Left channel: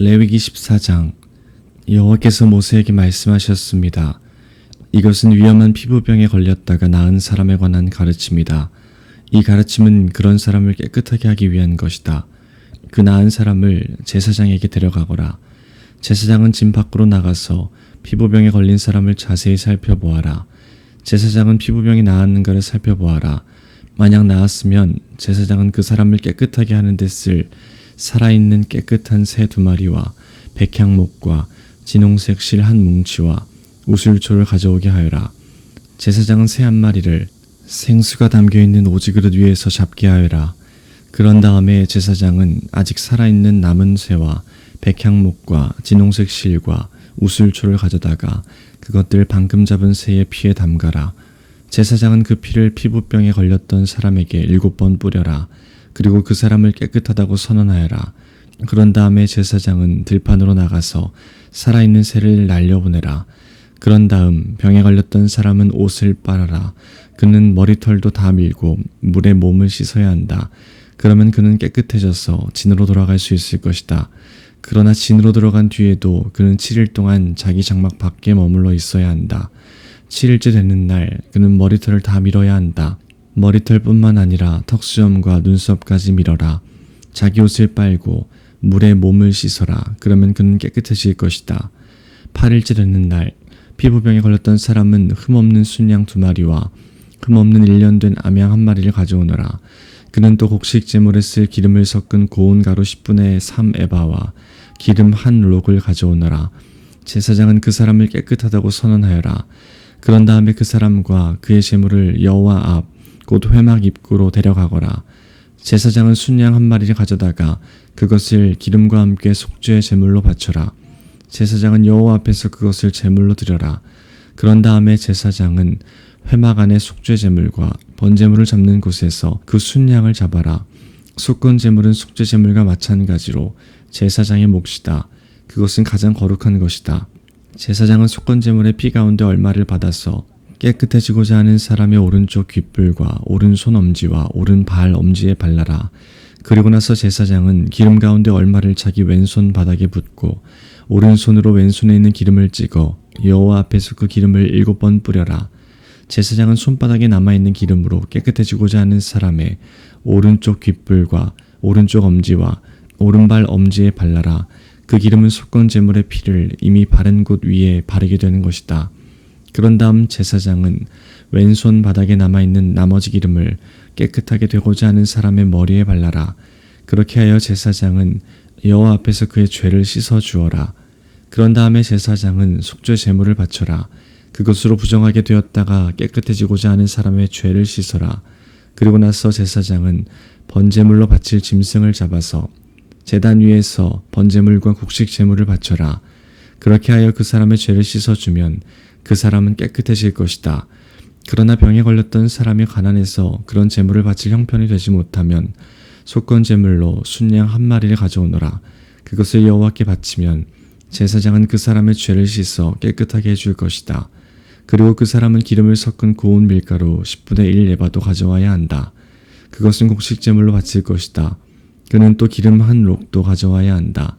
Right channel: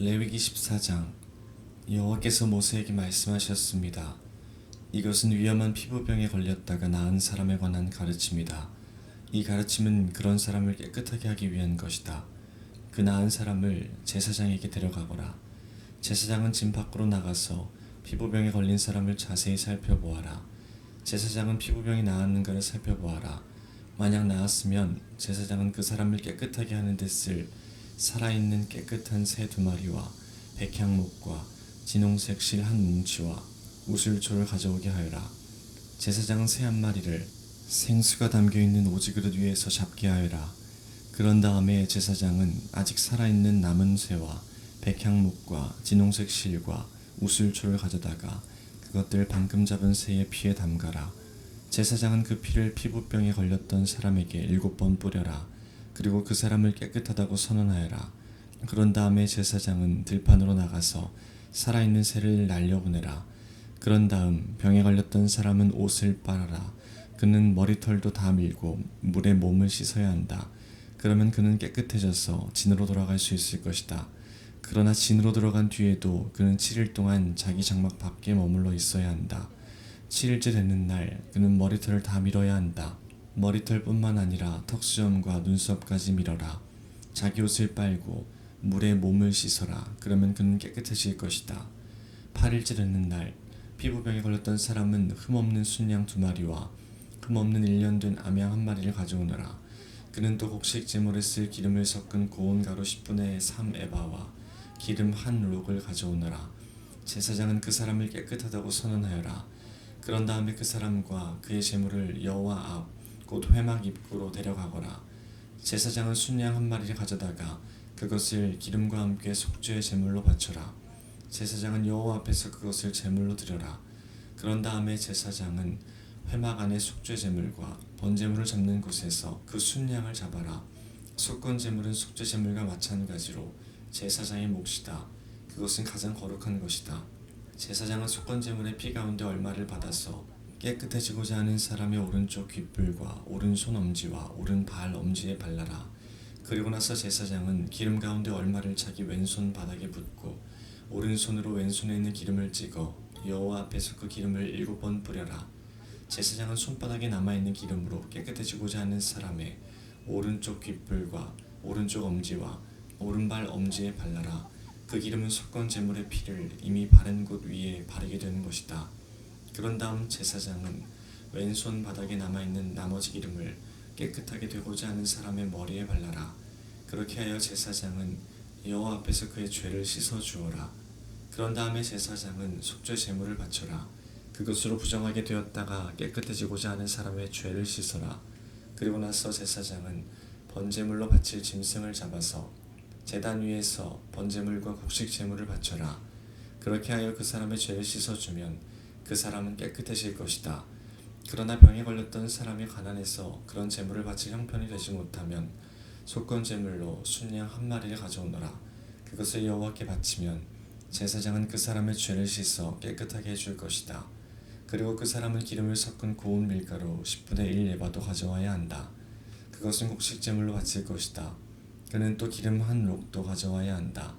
레위기 14장. 여호와께서 모세에게 말씀하셨습니다. 이것은 위험한 피부병에 걸렸다가 나은 사람에 관한 가르침이다. 이 가르침은 그런 사람을 깨끗하게 하기 위한 것이다. 그 나은 사람을 제사장에게 데려가거라. 제사장은 진 밖으로 나가서 피부병에 걸린 사람을 자세히 살펴보아라. 제사장은 피부병이 나았는가를 살펴보아라. 만약 나았으면 제사장은 그 사람을 깨끗하게 하는 데 쓸 살아있는 깨끗한 새 2마리와 백향목과 진홍색 실 1뭉치와 우슬초를 가져오게 하여라. 제사장은 새 1마리를 생수가 담겨있는 오지그릇 위에서 잡게 하여라. 그런 다음에 제사장은 아직 살아있는 남은 새와 백향목과 진홍색 실과 우슬초를 가져다가 그것들 방금 잡은 새의 피에 담가라. 제사장은 그 피를 피부병에 걸렸던 사람에게 7번 뿌려라. 그리고 그 사람을 깨끗하다고 선언하여라. 그런 다음에 제사장은 들판으로 나가서 살아있는 새를 날려보내라. 그런 다음 병에 걸렸던 사람은 옷을 빨아라. 그는 머리털도 다 밀고 물에 몸을 씻어야 한다. 그러면 그는 깨끗해져서 진으로 돌아갈 수 있을 것이다. 그러나 진으로 들어간 뒤에도 그는 7일 동안 자기 장막 밖에 머물러 있어야 한다. 7일째 되는 날 그는 머리털을 다 밀어야 한다. 머리털뿐만 아니라 턱수염과 눈썹까지 밀어라. 자기 옷을 빨고 물에 몸을 씻어라. 그러면 그는 깨끗해질 것이다. 8일째 되는 날 피부병에 걸렸던 사람은 흠없는 순양 2마리와 흠없는 1년 된 암양 1마리를 가져오너라. 그는 또 곡식 제물에 쓸 기름을 섞은 고운 가루 10분의 3 에바와 기름 1록을 가져오너라. 제사장은 그 사람을 깨끗하다고 선언하여라. 그런 다음에 그 사람과 그의 제물을 여호와 앞 곧 회막 입구로 데려가거라. 제사장은 순양 1마리를 가져다가 그것을 기름과 함께 속죄의 제물로 바쳐라. 제사장은 여호와 앞에서 그것을 제물로 드려라. 그런 다음에 제사장은 회막 안에 속죄 제물과 번제물을 잡는 곳에서 그 순양을 잡아라. 속건 제물은 속죄 제물과 마찬가지로 제사장의 몫이다. 그것은 가장 거룩한 것이다. 제사장은 속건 제물의 피 가운데 얼마를 받아서 깨끗해지고자 하는 사람의 오른쪽 귓불과 오른손 엄지와 오른발 엄지에 발라라. 그리고 나서 제사장은 기름 가운데 얼마를 자기 왼손 바닥에 붓고 오른손으로 왼손에 있는 기름을 찍어 여호와 앞에서 그 기름을 7번 뿌려라. 제사장은 손바닥에 남아있는 기름으로 깨끗해지고자 하는 사람의 오른쪽 귓불과 오른쪽 엄지와 오른발 엄지에 발라라. 그 기름은 속건 제물의 피를 이미 바른 곳 위에 바르게 되는 것이다. 그런 다음 제사장은 왼손 바닥에 남아있는 나머지 기름을 깨끗하게 되고자 하는 사람의 머리에 발라라. 그렇게 하여 제사장은 여호와 앞에서 그의 죄를 씻어 주어라. 그런 다음에 제사장은 속죄 제물을 바쳐라. 그것으로 부정하게 되었다가 깨끗해지고자 하는 사람의 죄를 씻어라. 그리고 나서 제사장은 번제물로 바칠 짐승을 잡아서 제단 위에서 번제물과 곡식 제물을 바쳐라. 그렇게 하여 그 사람의 죄를 씻어주면 그 사람은 깨끗해질 것이다. 그러나 병에 걸렸던 사람이 가난해서 그런 제물을 바칠 형편이 되지 못하면 속건 제물로 순양 1마리를 가져오너라. 그것을 여호와께 바치면 제사장은 그 사람의 죄를 씻어 깨끗하게 해줄 것이다. 그리고 그 사람은 기름을 섞은 고운 밀가루 10분의 1 에바도 가져와야 한다. 그것은 곡식 제물로 바칠 것이다. 그는 또 기름 1록도 가져와야 한다.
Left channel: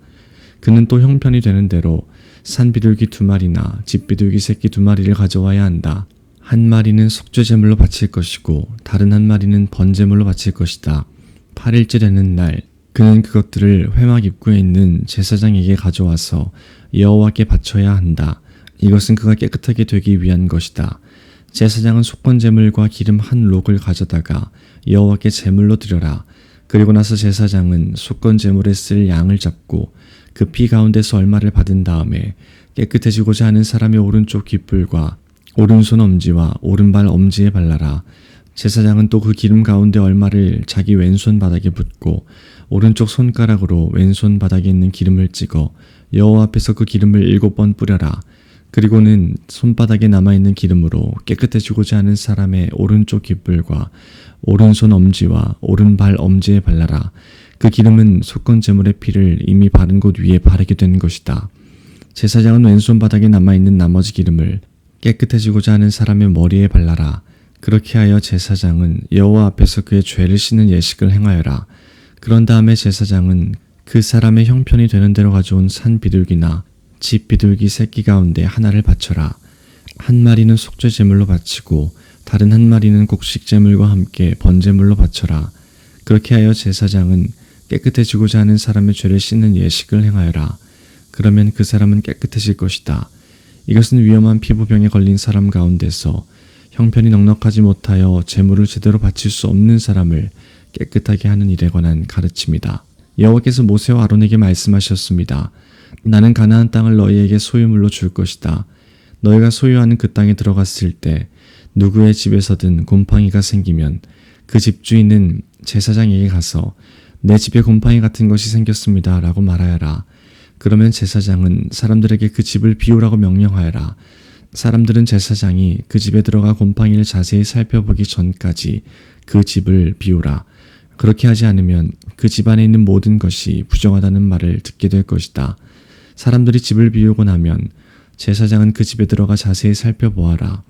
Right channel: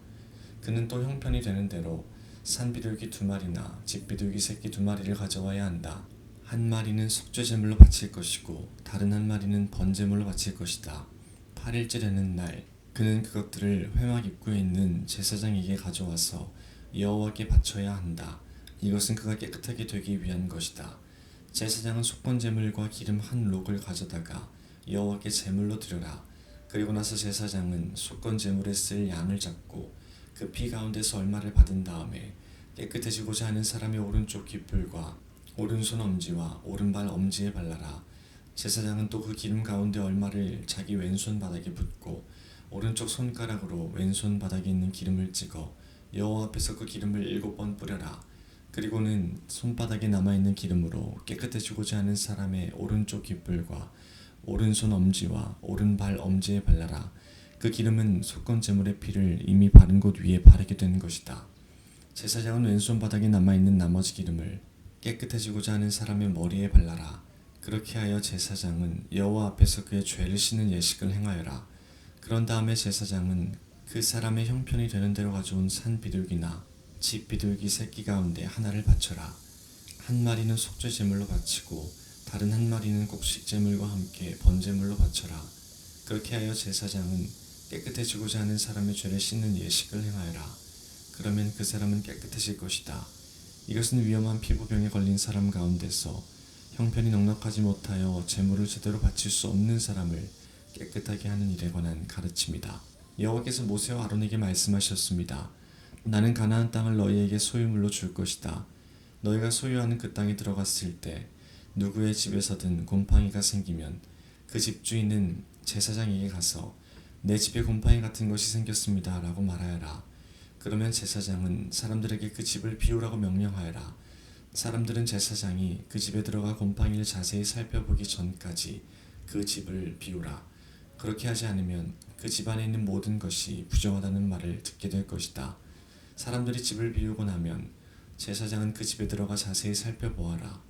그는 또 형편이 되는 대로 산비둘기 2마리나 집비둘기 새끼 2마리를 가져와야 한다. 1마리는 속죄 제물로 바칠 것이고 다른 1마리는 번제물로 바칠 것이다. 8일째 되는 날 그는 그것들을 회막 입구에 있는 제사장에게 가져와서 여호와께 바쳐야 한다. 이것은 그가 깨끗하게 되기 위한 것이다. 제사장은 속건 제물과 기름 1록을 가져다가 여호와께 제물로 드려라. 그리고 나서 제사장은 속건 제물에 쓸 양을 잡고 그 피 가운데서 얼마를 받은 다음에 깨끗해지고자 하는 사람의 오른쪽 귓불과 오른손 엄지와 오른발 엄지에 발라라. 제사장은 또 그 기름 가운데 얼마를 자기 왼손 바닥에 붓고 오른쪽 손가락으로 왼손 바닥에 있는 기름을 찍어 여호와 앞에서 그 기름을 7번 뿌려라. 그리고는 손바닥에 남아있는 기름으로 깨끗해지고자 하는 사람의 오른쪽 귓불과 오른손 엄지와 오른발 엄지에 발라라. 그 기름은 속건 제물의 피를 이미 바른 곳 위에 바르게 되는 것이다. 제사장은 왼손 바닥에 남아있는 나머지 기름을 깨끗해지고자 하는 사람의 머리에 발라라. 그렇게 하여 제사장은 여호와 앞에서 그의 죄를 씻는 예식을 행하여라. 그런 다음에 제사장은 그 사람의 형편이 되는 대로 가져온 산 비둘기나 집 비둘기 새끼 가운데 하나를 바쳐라. 한 마리는 속죄 제물로 바치고 다른 한 마리는 곡식 제물과 함께 번제물로 바쳐라. 그렇게 하여 제사장은 깨끗해지고자 하는 사람의 죄를 씻는 예식을 행하여라. 그러면 그 사람은 깨끗해질 것이다. 이것은 위험한 피부병에 걸린 사람 가운데서 형편이 넉넉하지 못하여 제물을 제대로 바칠 수 없는 사람을 깨끗하게 하는 일에 관한 가르침이다. 여호와께서 모세와 아론에게 말씀하셨습니다. 나는 가나안 땅을 너희에게 소유물로 줄 것이다. 너희가 소유하는 그 땅에 들어갔을 때 누구의 집에서든 곰팡이가 생기면 그 집주인은 제사장에게 가서 내 집에 곰팡이 같은 것이 생겼습니다 라고 말하여라. 그러면 제사장은 사람들에게 그 집을 비우라고 명령하여라. 사람들은 제사장이 그 집에 들어가 곰팡이를 자세히 살펴보기 전까지 그 집을 비우라. 그렇게 하지 않으면 그 집 안에 있는 모든 것이 부정하다는 말을 듣게 될 것이다. 사람들이 집을 비우고 나면 제사장은 그 집에 들어가 자세히 살펴보아라.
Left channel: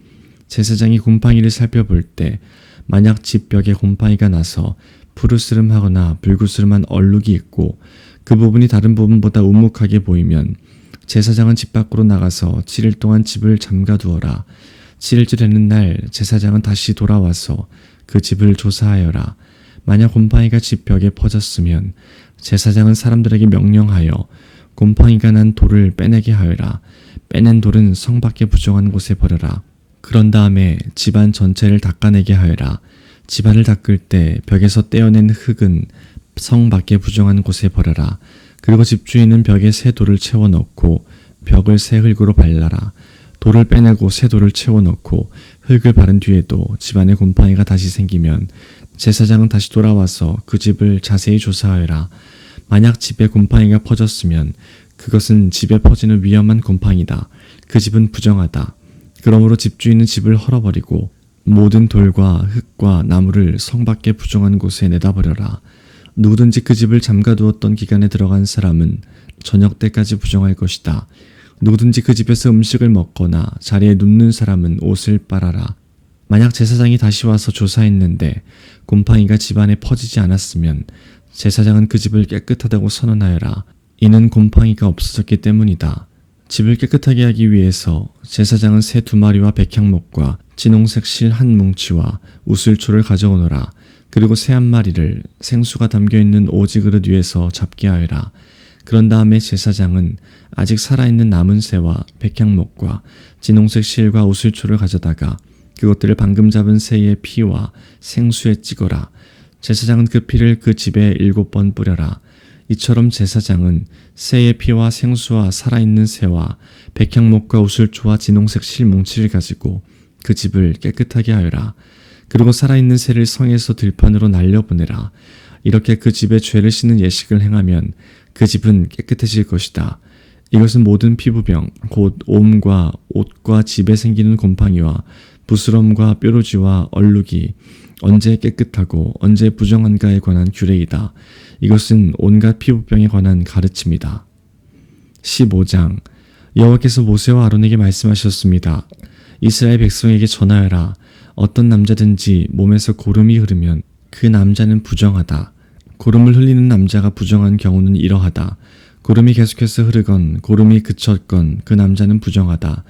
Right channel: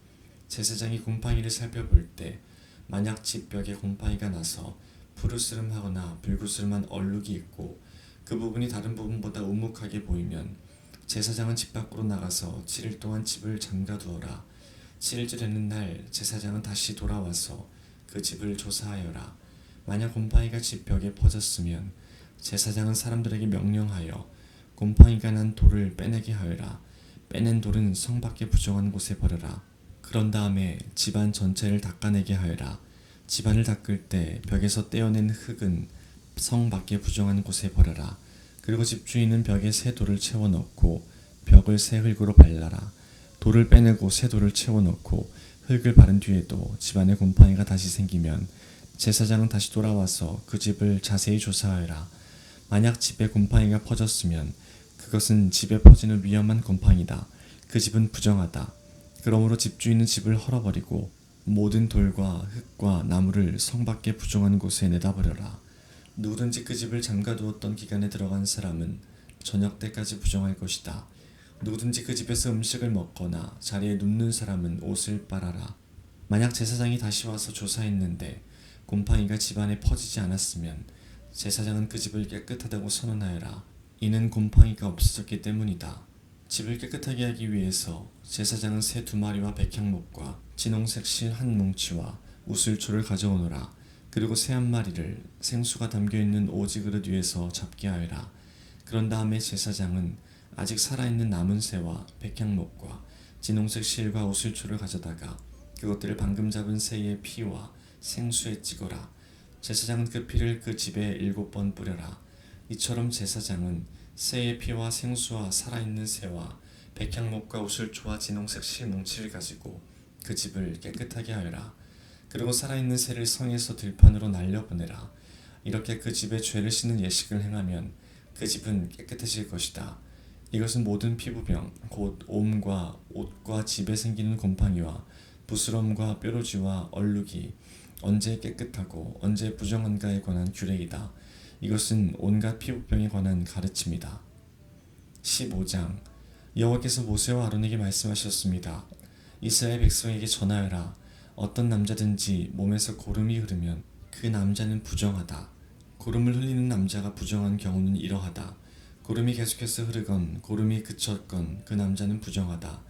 제사장이 곰팡이를 살펴볼 때 만약 집 벽에 곰팡이가 나서 푸르스름하거나 불구스름한 얼룩이 있고 그 부분이 다른 부분보다 우묵하게 보이면 제사장은 집 밖으로 나가서 7일 동안 집을 잠가두어라. 7일째 되는 날 제사장은 다시 돌아와서 그 집을 조사하여라. 만약 곰팡이가 집 벽에 퍼졌으면 제사장은 사람들에게 명령하여 곰팡이가 난 돌을 빼내게 하여라. 빼낸 돌은 성 밖에 부정한 곳에 버려라. 그런 다음에 집안 전체를 닦아내게 하여라. 집안을 닦을 때 벽에서 떼어낸 흙은 성 밖에 부정한 곳에 버려라. 그리고 집주인은 벽에 새 돌을 채워 넣고 벽을 새 흙으로 발라라. 돌을 빼내고 새 돌을 채워 넣고 흙을 바른 뒤에도 집안에 곰팡이가 다시 생기면 제사장은 다시 돌아와서 그 집을 자세히 조사하여라. 만약 집에 곰팡이가 퍼졌으면 그것은 집에 퍼지는 위험한 곰팡이다. 그 집은 부정하다. 그러므로 집주인은 집을 헐어버리고 모든 돌과 흙과 나무를 성 밖에 부정한 곳에 내다버려라. 누구든지 그 집을 잠가두었던 기간에 들어간 사람은 저녁 때까지 부정할 것이다. 누구든지 그 집에서 음식을 먹거나 자리에 눕는 사람은 옷을 빨아라. 만약 제사장이 다시 와서 조사했는데 곰팡이가 집안에 퍼지지 않았으면 제사장은 그 집을 깨끗하다고 선언하여라. 이는 곰팡이가 없어졌기 때문이다. 집을 깨끗하게 하기 위해서 제사장은 새 2마리와 백향목과 진홍색 실 1뭉치와 우슬초를 가져오너라. 그리고 새 1마리를 생수가 담겨있는 오지 그릇 위에서 잡게 하여라. 그런 다음에 제사장은 아직 살아있는 남은 새와 백향목과 진홍색 실과 우슬초를 가져다가 그것들을 방금 잡은 새의 피와 생수에 찍어라. 제사장은 그 피를 그 집에 7번 뿌려라. 이처럼 제사장은 새의 피와 생수와 살아있는 새와 백향목과 우슬초와 진홍색 실 뭉치를 가지고 그 집을 깨끗하게 하여라. 그리고 살아있는 새를 성에서 들판으로 날려보내라. 이렇게 그 집에 죄를 씻는 예식을 행하면 그 집은 깨끗해질 것이다. 이것은 모든 피부병, 곧 옴과 옷과 집에 생기는 곰팡이와 부스럼과 뾰루지와 얼룩이 언제 깨끗하고 언제 부정한가에 관한 규례이다. 이것은 온갖 피부병에 관한 가르침이다. 15장 여호와께서 모세와 아론에게 말씀하셨습니다. 이스라엘 백성에게 전하여라. 어떤 남자든지 몸에서 고름이 흐르면 그 남자는 부정하다. 고름을 흘리는 남자가 부정한 경우는 이러하다. 고름이 계속해서 흐르건 고름이 그쳤건 그 남자는 부정하다.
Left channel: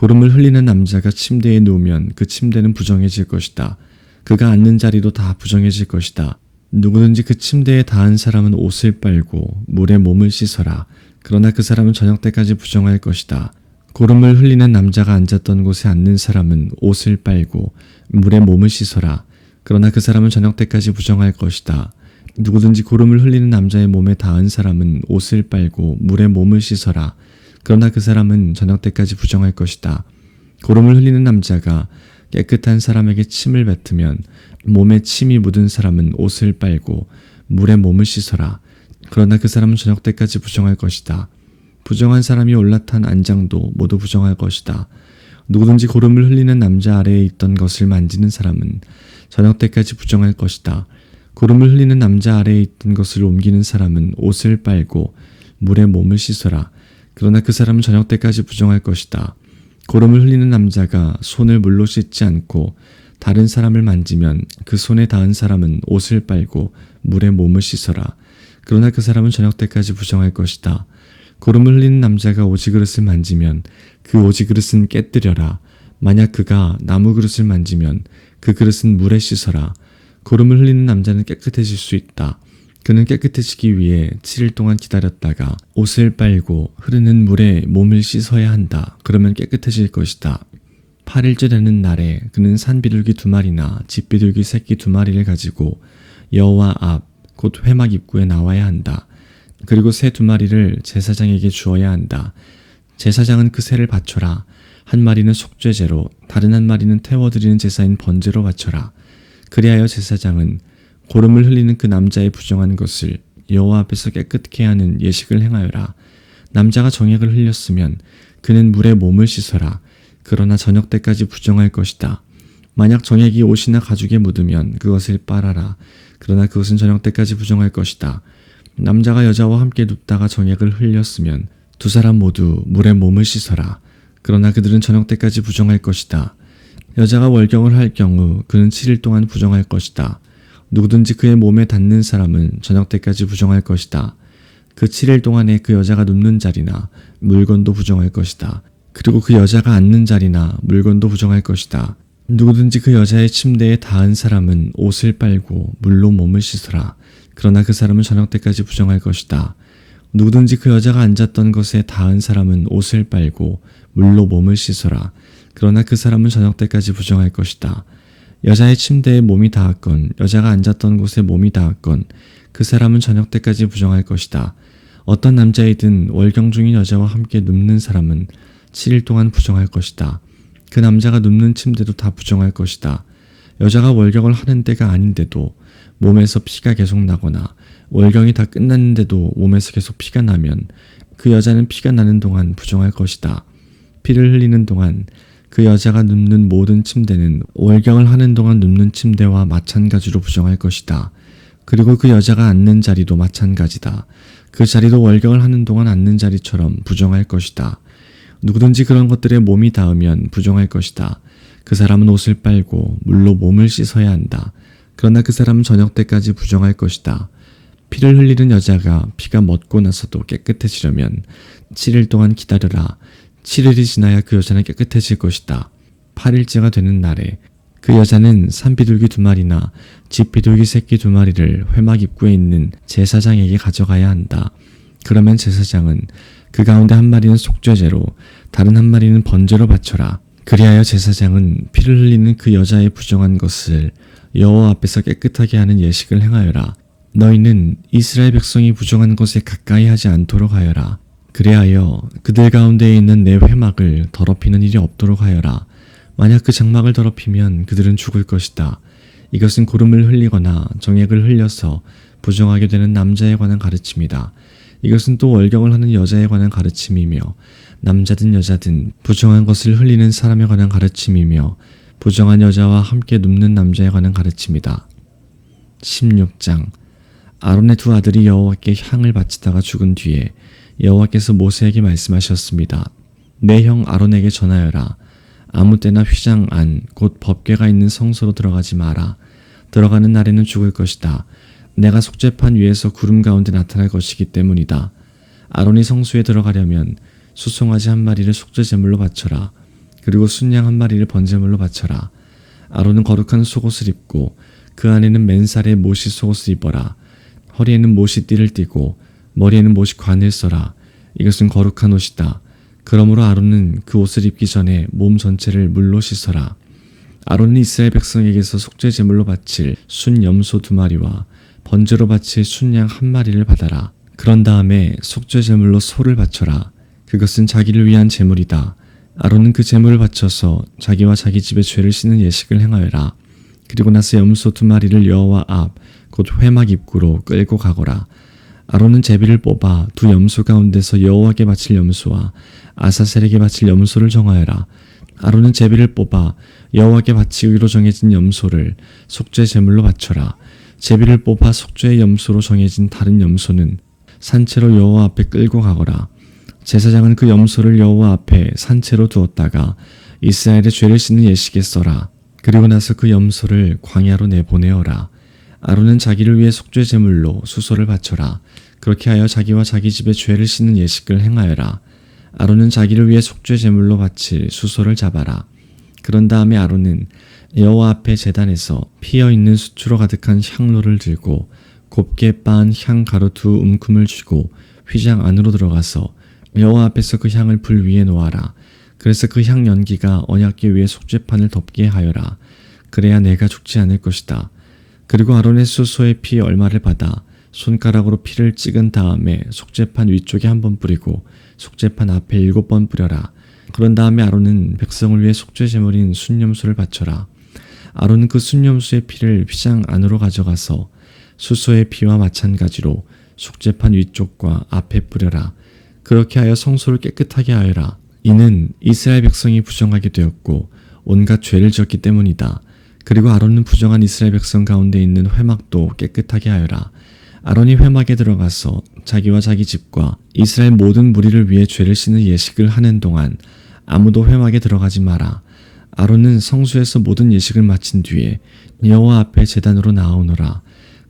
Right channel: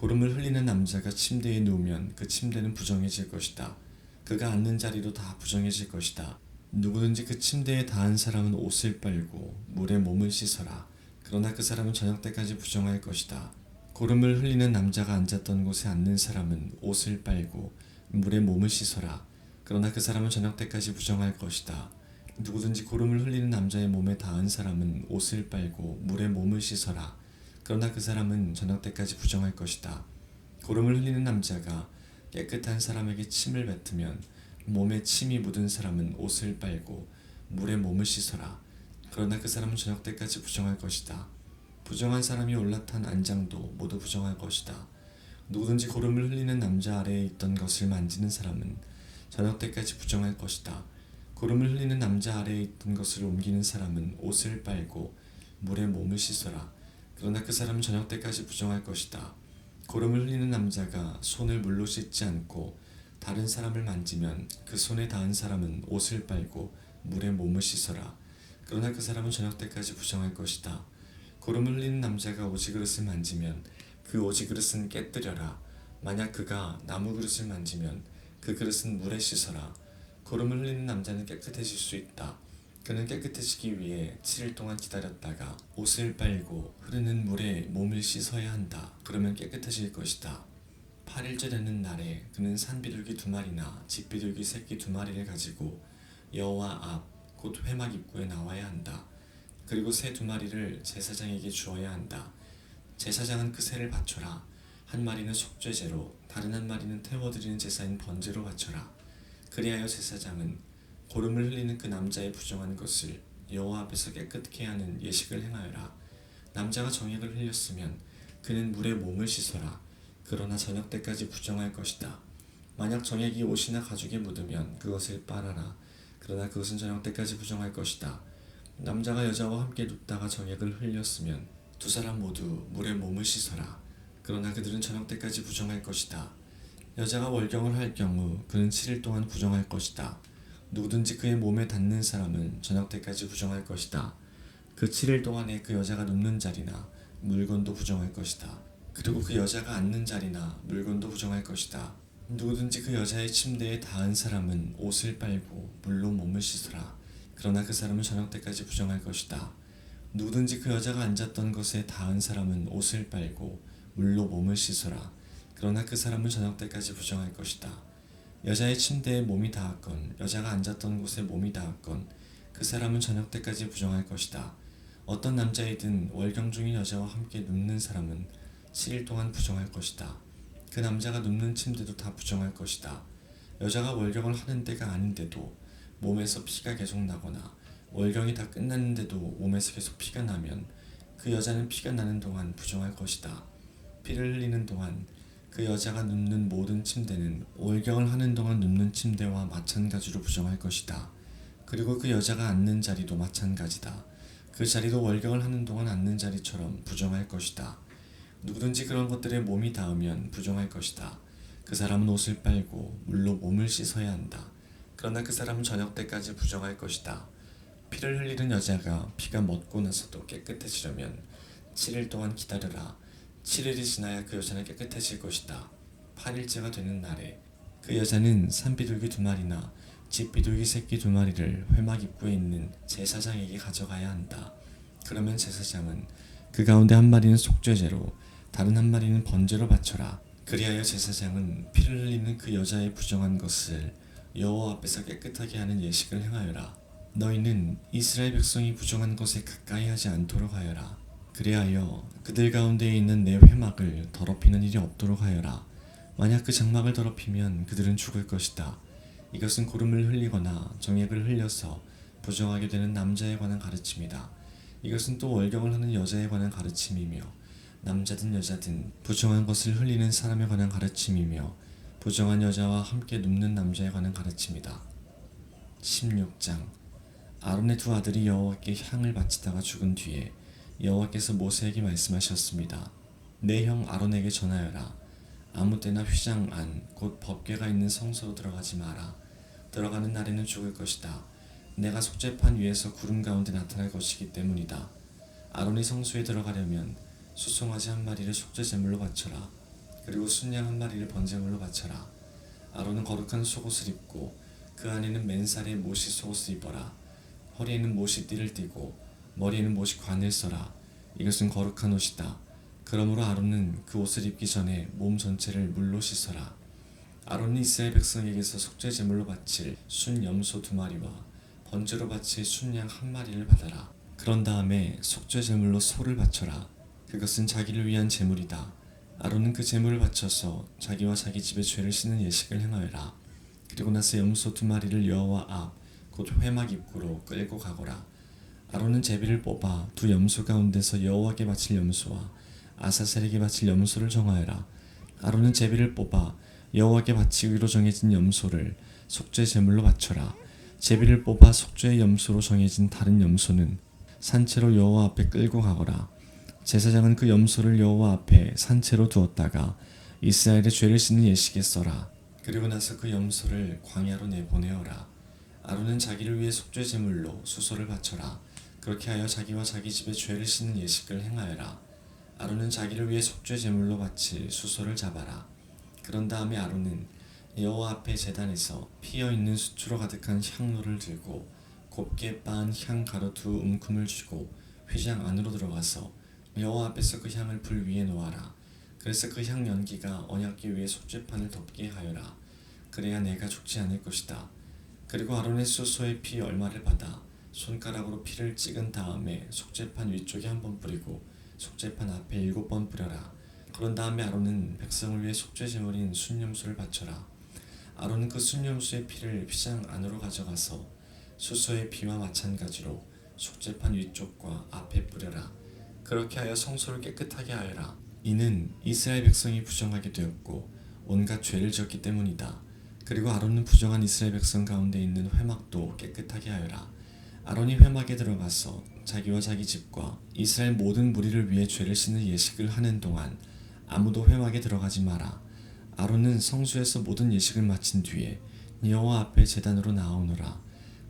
고름을 흘리는 남자가 침대에 누우면 그 침대는 부정해질 것이다. 그가 앉는 자리도 다 부정해질 것이다. 누구든지 그 침대에 닿은 사람은 옷을 빨고 물에 몸을 씻어라. 그러나 그 사람은 저녁 때까지 부정할 것이다. 고름을 흘리는 남자가 앉았던 곳에 앉는 사람은 옷을 빨고 물에 몸을 씻어라. 그러나 그 사람은 저녁 때까지 부정할 것이다. 누구든지 고름을 흘리는 남자의 몸에 닿은 사람은 옷을 빨고 물에 몸을 씻어라. 그러나 그 사람은 저녁 때까지 부정할 것이다. 고름을 흘리는 남자가 깨끗한 사람에게 침을 뱉으면 몸에 침이 묻은 사람은 옷을 빨고 물에 몸을 씻어라. 그러나 그 사람은 저녁 때까지 부정할 것이다. 부정한 사람이 올라탄 안장도 모두 부정할 것이다. 누구든지 고름을 흘리는 남자 아래에 있던 것을 만지는 사람은 저녁 때까지 부정할 것이다. 고름을 흘리는 남자 아래에 있던 것을 옮기는 사람은 옷을 빨고 물에 몸을 씻어라. 그러나 그 사람은 저녁 때까지 부정할 것이다. 고름을 흘리는 남자가 손을 물로 씻지 않고 다른 사람을 만지면 그 손에 닿은 사람은 옷을 빨고 물에 몸을 씻어라. 그러나 그 사람은 저녁 때까지 부정할 것이다. 고름을 흘리는 남자가 오지 그릇을 만지면 그 오지 그릇은 깨뜨려라. 만약 그가 나무 그릇을 만지면 그 그릇은 물에 씻어라. 고름을 흘리는 남자는 깨끗해질 수 있다. 그는 깨끗해지기 위해 7일 동안 기다렸다가 옷을 빨고 흐르는 물에 몸을 씻어야 한다. 그러면 깨끗해질 것이다. 8일째 되는 날에 그는 산비둘기 2마리나 집비둘기 새끼 2마리를 가지고 여호와 앞 곧 회막 입구에 나와야 한다. 그리고 새 2마리를 제사장에게 주어야 한다. 제사장은 그 새를 바쳐라. 한 마리는 속죄제로 다른 한 마리는 태워드리는 제사인 번제로 바쳐라. 그리하여 제사장은 고름을 흘리는 그 남자의 부정한 것을 여호와 앞에서 깨끗게 하는 예식을 행하여라. 남자가 정액을 흘렸으면 그는 물에 몸을 씻어라. 그러나 저녁 때까지 부정할 것이다. 만약 정액이 옷이나 가죽에 묻으면 그것을 빨아라. 그러나 그것은 저녁 때까지 부정할 것이다. 남자가 여자와 함께 눕다가 정액을 흘렸으면 두 사람 모두 물에 몸을 씻어라. 그러나 그들은 저녁 때까지 부정할 것이다. 여자가 월경을 할 경우 그는 7일 동안 부정할 것이다. 누구든지 그의 몸에 닿는 사람은 저녁 때까지 부정할 것이다. 그 7일 동안에 그 여자가 눕는 자리나 물건도 부정할 것이다. 그리고 그 여자가 앉는 자리나 물건도 부정할 것이다. 누구든지 그 여자의 침대에 닿은 사람은 옷을 빨고 물로 몸을 씻어라. 그러나 그 사람은 저녁 때까지 부정할 것이다. 누구든지 그 여자가 앉았던 것에 닿은 사람은 옷을 빨고 물로 몸을 씻어라. 그러나 그 사람은 저녁 때까지 부정할 것이다. 여자의 침대에 몸이 닿았건 여자가 앉았던 곳에 몸이 닿았건 그 사람은 저녁 때까지 부정할 것이다. 어떤 남자이든 월경 중인 여자와 함께 눕는 사람은 7일 동안 부정할 것이다. 그 남자가 눕는 침대도 다 부정할 것이다. 여자가 월경을 하는 때가 아닌데도 몸에서 피가 계속 나거나 월경이 다 끝났는데도 몸에서 계속 피가 나면 그 여자는 피가 나는 동안 부정할 것이다. 피를 흘리는 동안 그 여자가 눕는 모든 침대는 월경을 하는 동안 눕는 침대와 마찬가지로 부정할 것이다. 그리고 그 여자가 앉는 자리도 마찬가지다. 그 자리도 월경을 하는 동안 앉는 자리처럼 부정할 것이다. 누구든지 그런 것들에 몸이 닿으면 부정할 것이다. 그 사람은 옷을 빨고 물로 몸을 씻어야 한다. 그러나 그 사람은 저녁 때까지 부정할 것이다. 피를 흘리는 여자가 피가 멎고 나서도 깨끗해지려면 7일 동안 기다려라. 7일이 지나야 그 여자는 깨끗해질 것이다. 8일째가 되는 날에 그 여자는 산비둘기 2마리나 집비둘기 새끼 2마리를 회막 입구에 있는 제사장에게 가져가야 한다. 그러면 제사장은 그 가운데 한 마리는 속죄제로 다른 한 마리는 번제로 바쳐라. 그리하여 제사장은 피를 흘리는 그 여자의 부정한 것을 여호와 앞에서 깨끗하게 하는 예식을 행하여라. 너희는 이스라엘 백성이 부정한 것에 가까이 하지 않도록 하여라. 그리하여 그들 가운데에 있는 내 회막을 더럽히는 일이 없도록 하여라. 만약 그 장막을 더럽히면 그들은 죽을 것이다. 이것은 고름을 흘리거나 정액을 흘려서 부정하게 되는 남자에 관한 가르침이다. 이것은 또 월경을 하는 여자에 관한 가르침이며 남자든 여자든 부정한 것을 흘리는 사람에 관한 가르침이며 부정한 여자와 함께 눕는 남자에 관한 가르침이다. 16장 아론의 2 아들이 여호와께 향을 바치다가 죽은 뒤에 여호와께서 모세에게 말씀하셨습니다. 내 형 아론에게 전하여라. 아무 때나 휘장 안 곧 법궤가 있는 성소로 들어가지 마라. 들어가는 날에는 죽을 것이다. 내가 속죄판 위에서 구름 가운데 나타날 것이기 때문이다. 아론이 성소에 들어가려면 수송아지 1마리를 속죄제물로 바쳐라. 그리고 순양 1마리를 번제물로 바쳐라. 아론은 거룩한 속옷을 입고 그 안에는 맨살에 못이 속옷을 입어라. 허리에는 못이 띠를 띠고 머리에는 못이 관을 써라. 이것은 거룩한 옷이다. 그러므로 아론은 그 옷을 입기 전에 몸 전체를 물로 씻어라. 아론은 이스라엘 백성에게서 속죄제물로 바칠 순 염소 2마리와 번제로 바칠 순양 1마리를 받아라. 그런 다음에 속죄제물로 소를 바쳐라. 그것은 자기를 위한 제물이다. 아론은 그 제물을 바쳐서 자기와 자기 집의 죄를 씻는 예식을 행하여라. 그리고 나서 염소 2마리를 여호와 앞 곧 회막 입구로 끌고 가거라. 아론은 제비를 뽑아 2 염소 가운데서 여호와께 바칠 염소와 아사셀에게 바칠 염소를 정하여라. 아론은 제비를 뽑아 여호와께 바치기로 정해진 염소를 속죄 제물로 바쳐라. 제비를 뽑아 속죄의 염소로 정해진 다른 염소는 산채로 여호와 앞에 끌고 가거라. 제사장은 그 염소를 여호와 앞에 산채로 두었다가 이스라엘의 죄를 씻는 예식에 써라. 그리고 나서 그 염소를 광야로 내보내어라. 아론은 자기를 위해 속죄 제물로 수소를 바쳐라. 그렇게 하여 자기와 자기 집의 죄를 씻는 예식을 행하여라. 아론은 자기를 위해 속죄 제물로 바칠 수소를 잡아라. 그런 다음에 아론은 여호와 앞에 제단에서 피어 있는 수추로 가득한 향로를 들고 곱게 빻은 향 가루 2움큼을 쥐고 휘장 안으로 들어가서 여호와 앞에서 그 향을 불 위에 놓아라. 그래서 그 향 연기가 언약궤 위에 속죄판을 덮게 하여라. 그래야 내가 죽지 않을 것이다. 그리고 아론의 수소의 피 얼마를 받아 손가락으로 피를 찍은 다음에 속죄판 위쪽에 1번 뿌리고 속죄판 앞에 7번 뿌려라. 그런 다음에 아론은 백성을 위해 속죄 제물인 순념수를 바쳐라. 아론은 그 순념수의 피를 휘장 안으로 가져가서 수소의 피와 마찬가지로 속죄판 위쪽과 앞에 뿌려라. 그렇게 하여 성소를 깨끗하게 하여라. 이는 이스라엘 백성이 부정하게 되었고 온갖 죄를 지었기 때문이다. 그리고 아론은 부정한 이스라엘 백성 가운데 있는 회막도 깨끗하게 하여라. 아론이 회막에 들어가서 자기와 자기 집과 이스라엘 모든 무리를 위해 죄를 씻는 예식을 하는 동안 아무도 회막에 들어가지 마라. 아론은 성소에서 모든 예식을 마친 뒤에 여호와 앞에 제단으로 나아오너라.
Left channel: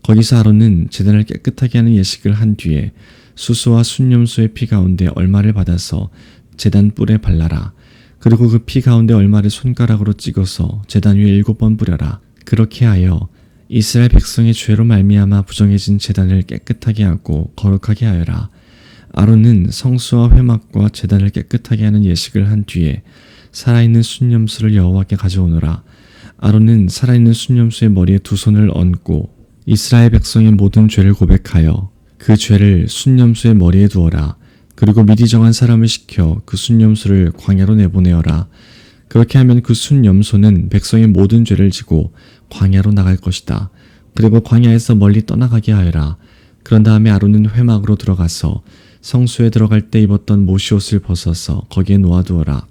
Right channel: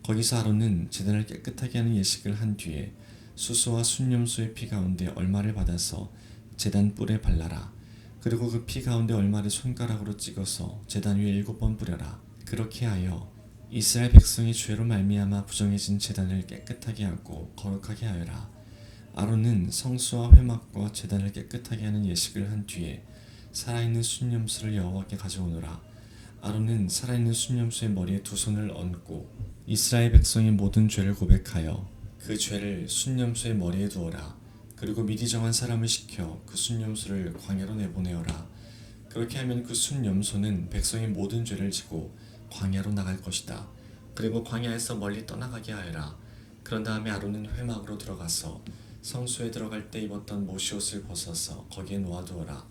거기서 아론은 제단을 깨끗하게 하는 예식을 한 뒤에 수소와 순념수의 피 가운데 얼마를 받아서 제단 뿔에 발라라. 그리고 그 피 가운데 얼마를 손가락으로 찍어서 제단 위에 7번 뿌려라. 그렇게 하여 이스라엘 백성의 죄로 말미암아 부정해진 제단을 깨끗하게 하고 거룩하게 하여라. 아론은 성수와 회막과 제단을 깨끗하게 하는 예식을 한 뒤에 살아있는 순념수를 여호와께 가져오너라. 아론은 살아있는 순념수의 머리에 2 손을 얹고 이스라엘 백성의 모든 죄를 고백하여 그 죄를 순념수의 머리에 두어라. 그리고 미리 정한 사람을 시켜 그 순념수를 광야로 내보내어라. 그렇게 하면 그 순염소는 백성의 모든 죄를 지고 광야로 나갈 것이다. 그리고 광야에서 멀리 떠나가게 하여라. 그런 다음에 아론은 회막으로 들어가서 성소에 들어갈 때 입었던 모시옷을 벗어서 거기에 놓아두어라.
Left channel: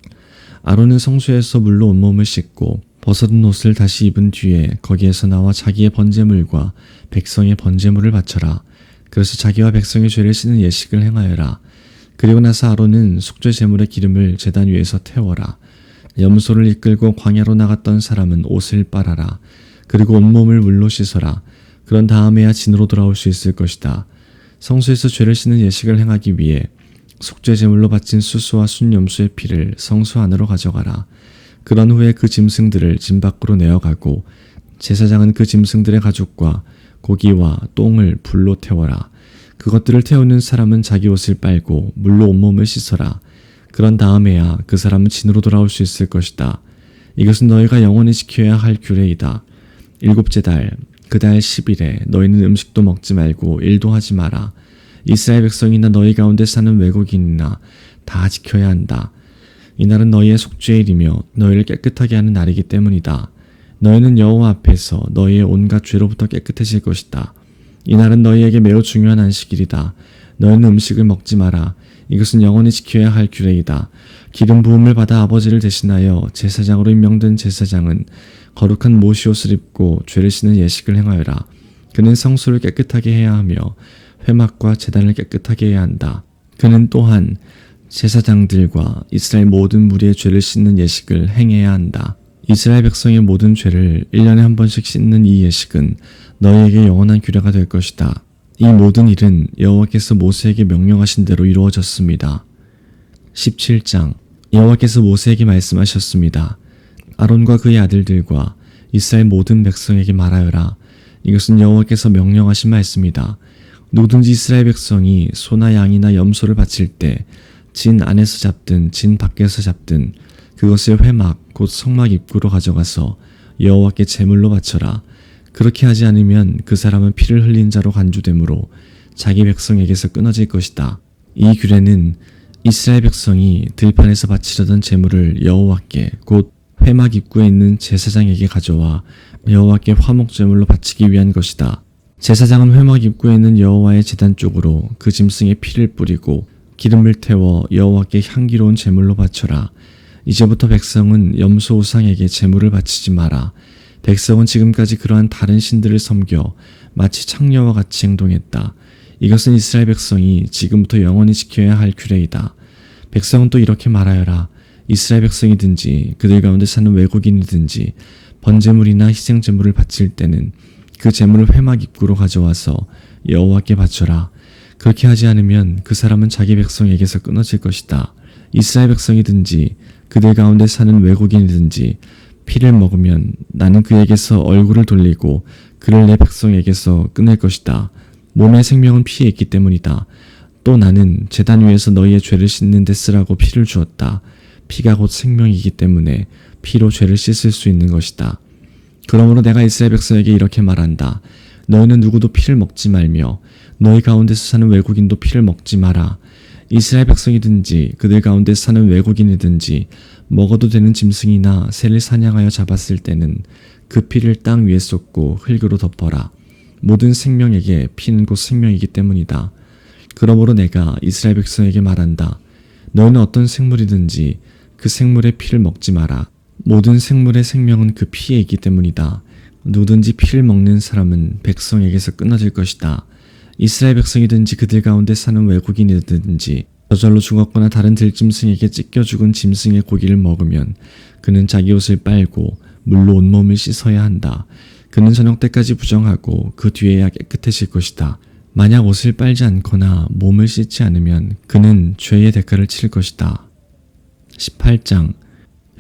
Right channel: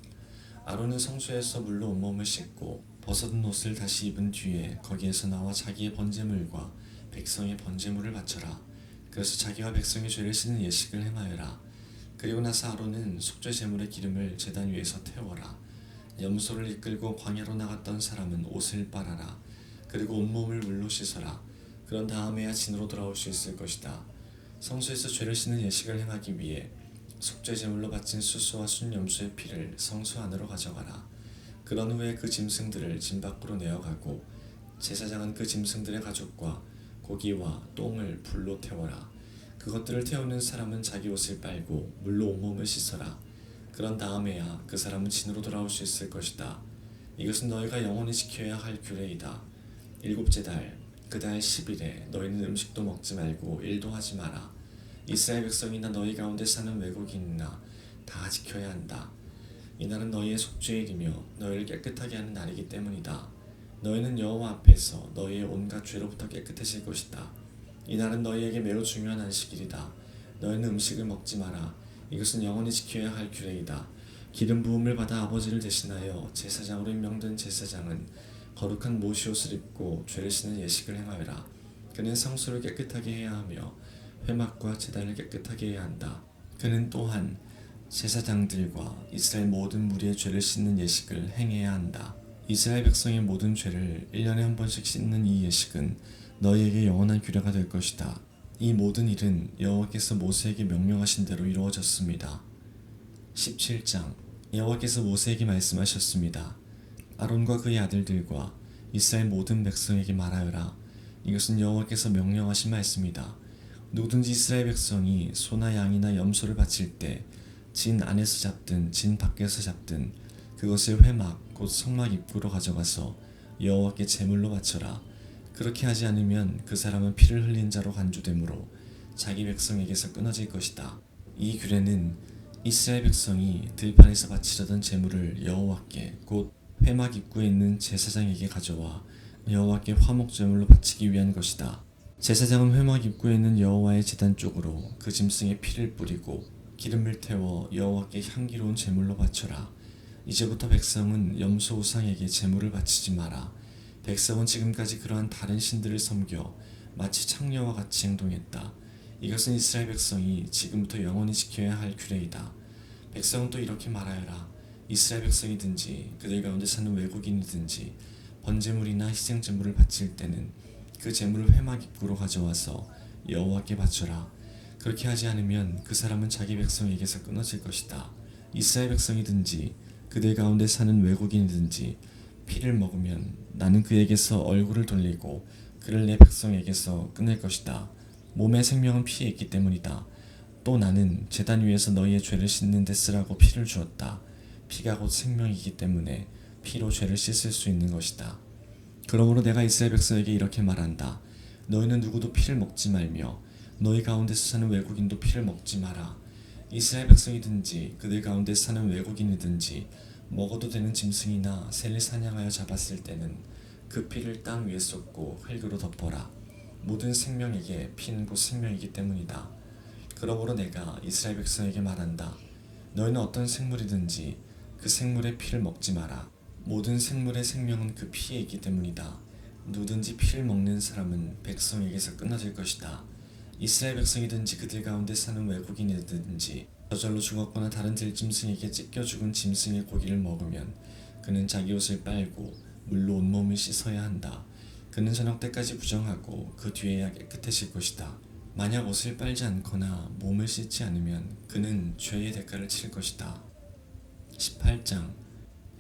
아론은 성소에서 물로 온몸을 씻고 벗어든 옷을 다시 입은 뒤에 거기에서 나와 자기의 번제물과 백성의 번제물을 바쳐라. 그래서 자기와 백성의 죄를 씻는 예식을 행하여라. 그리고 나서 아론은 속죄 제물의 기름을 제단 위에서 태워라. 염소를 이끌고 광야로 나갔던 사람은 옷을 빨아라. 그리고 온몸을 물로 씻어라. 그런 다음에야 진으로 돌아올 수 있을 것이다. 성소에서 죄를 씻는 예식을 행하기 위해 속죄 제물로 바친 수소와 순염소의 피를 성소 안으로 가져가라. 그런 후에 그 짐승들을 짐 밖으로 내어가고 제사장은 그 짐승들의 가죽과 고기와 똥을 불로 태워라. 그것들을 태우는 사람은 자기 옷을 빨고 물로 온몸을 씻어라. 그런 다음에야 그 사람은 진으로 돌아올 수 있을 것이다. 이것은 너희가 영원히 지켜야 할 규례이다. 7째 달, 그 달 10일에 너희는 음식도 먹지 말고 일도 하지 마라. 이스라엘 백성이나 너희 가운데 사는 외국인이나 다 지켜야 한다. 이날은 너희의 속죄일이며 너희를 깨끗하게 하는 날이기 때문이다. 너희는 여호와 앞에서 너희의 온갖 죄로부터 깨끗해질 것이다. 이날은 너희에게 매우 중요한 안식일이다. 너희는 음식을 먹지 마라. 이것은 영원히 지켜야 할 규례이다. 기름 부음을 받아 아버지를 대신하여 제사장으로 임명된 제사장은 거룩한 모시옷을 입고 죄를 씻는 예식을 행하여라. 그는 성소를 깨끗하게 해야 하며 회막과 제단을 깨끗하게 해야 한다. 그는 또한 제사장들과 이스라엘 모든 무리의 죄를 씻는 예식을 행해야 한다. 이스라엘 백성의 모든 죄를 1년에 1번씩 씻는 이 예식은 너희에게 영원한 규례가 될 것이다. 이 모든 일은 여호와께서 모세에게 명령하신 대로 이루어졌습니다. 17장 여호와께서 모세에게 말씀하셨습니다. 아론과 그의 아들들과 이스라엘 모든 백성에게 말하여라. 이것은 여호와께서 명령하신 말씀이다. 누구든지 이스라엘 백성이 소나 양이나 염소를 바칠 때 진 안에서 잡든 진 밖에서 잡든 그것을 회막 곧 성막 입구로 가져가서 여호와께 제물로 바쳐라. 그렇게 하지 않으면 그 사람은 피를 흘린 자로 간주되므로 자기 백성에게서 끊어질 것이다. 이 규례는 이스라엘 백성이 들판에서 바치려던 제물을 여호와께 곧 회막 입구에 있는 제사장에게 가져와 여호와께 화목 제물로 바치기 위한 것이다. 제사장은 회막 입구에 있는 여호와의 제단 쪽으로 그 짐승의 피를 뿌리고 기름을 태워 여호와께 향기로운 제물로 바쳐라. 이제부터 백성은 염소 우상에게 제물을 바치지 마라. 백성은 지금까지 그러한 다른 신들을 섬겨 마치 창녀와 같이 행동했다. 이것은 이스라엘 백성이 지금부터 영원히 지켜야 할 규례이다. 백성은 또 이렇게 말하여라. 이스라엘 백성이든지 그들 가운데 사는 외국인이든지 번제물이나 희생제물을 바칠 때는 그 제물을 회막 입구로 가져와서 여호와께 바쳐라. 그렇게 하지 않으면 그 사람은 자기 백성에게서 끊어질 것이다. 이스라엘 백성이든지 그들 가운데 사는 외국인이든지 피를 먹으면 나는 그에게서 얼굴을 돌리고 그를 내 백성에게서 끊을 것이다. 몸의 생명은 피에 있기 때문이다. 또 나는 제단 위에서 너희의 죄를 씻는 데 쓰라고 피를 주었다. 피가 곧 생명이기 때문에 피로 죄를 씻을 수 있는 것이다. 그러므로 내가 이스라엘 백성에게 이렇게 말한다. 너희는 누구도 피를 먹지 말며 너희 가운데서 사는 외국인도 피를 먹지 마라. 이스라엘 백성이든지 그들 가운데 사는 외국인이든지 먹어도 되는 짐승이나 새를 사냥하여 잡았을 때는 그 피를 땅 위에 쏟고 흙으로 덮어라. 모든 생명에게 피는 곧 생명이기 때문이다. 그러므로 내가 이스라엘 백성에게 말한다. 너희는 어떤 생물이든지 그 생물의 피를 먹지 마라. 모든 생물의 생명은 그 피에 있기 때문이다. 누구든지 피를 먹는 사람은 백성에게서 끊어질 것이다. 이스라엘 백성이든지 그들 가운데 사는 외국인이든지 저절로 죽었거나 다른 들짐승에게 찢겨 죽은 짐승의 고기를 먹으면 그는 자기 옷을 빨고 물로 온몸을 씻어야 한다. 그는 저녁 때까지 부정하고 그 뒤에야 깨끗해질 것이다. 만약 옷을 빨지 않거나 몸을 씻지 않으면 그는 죄의 대가를 치를 것이다. 18장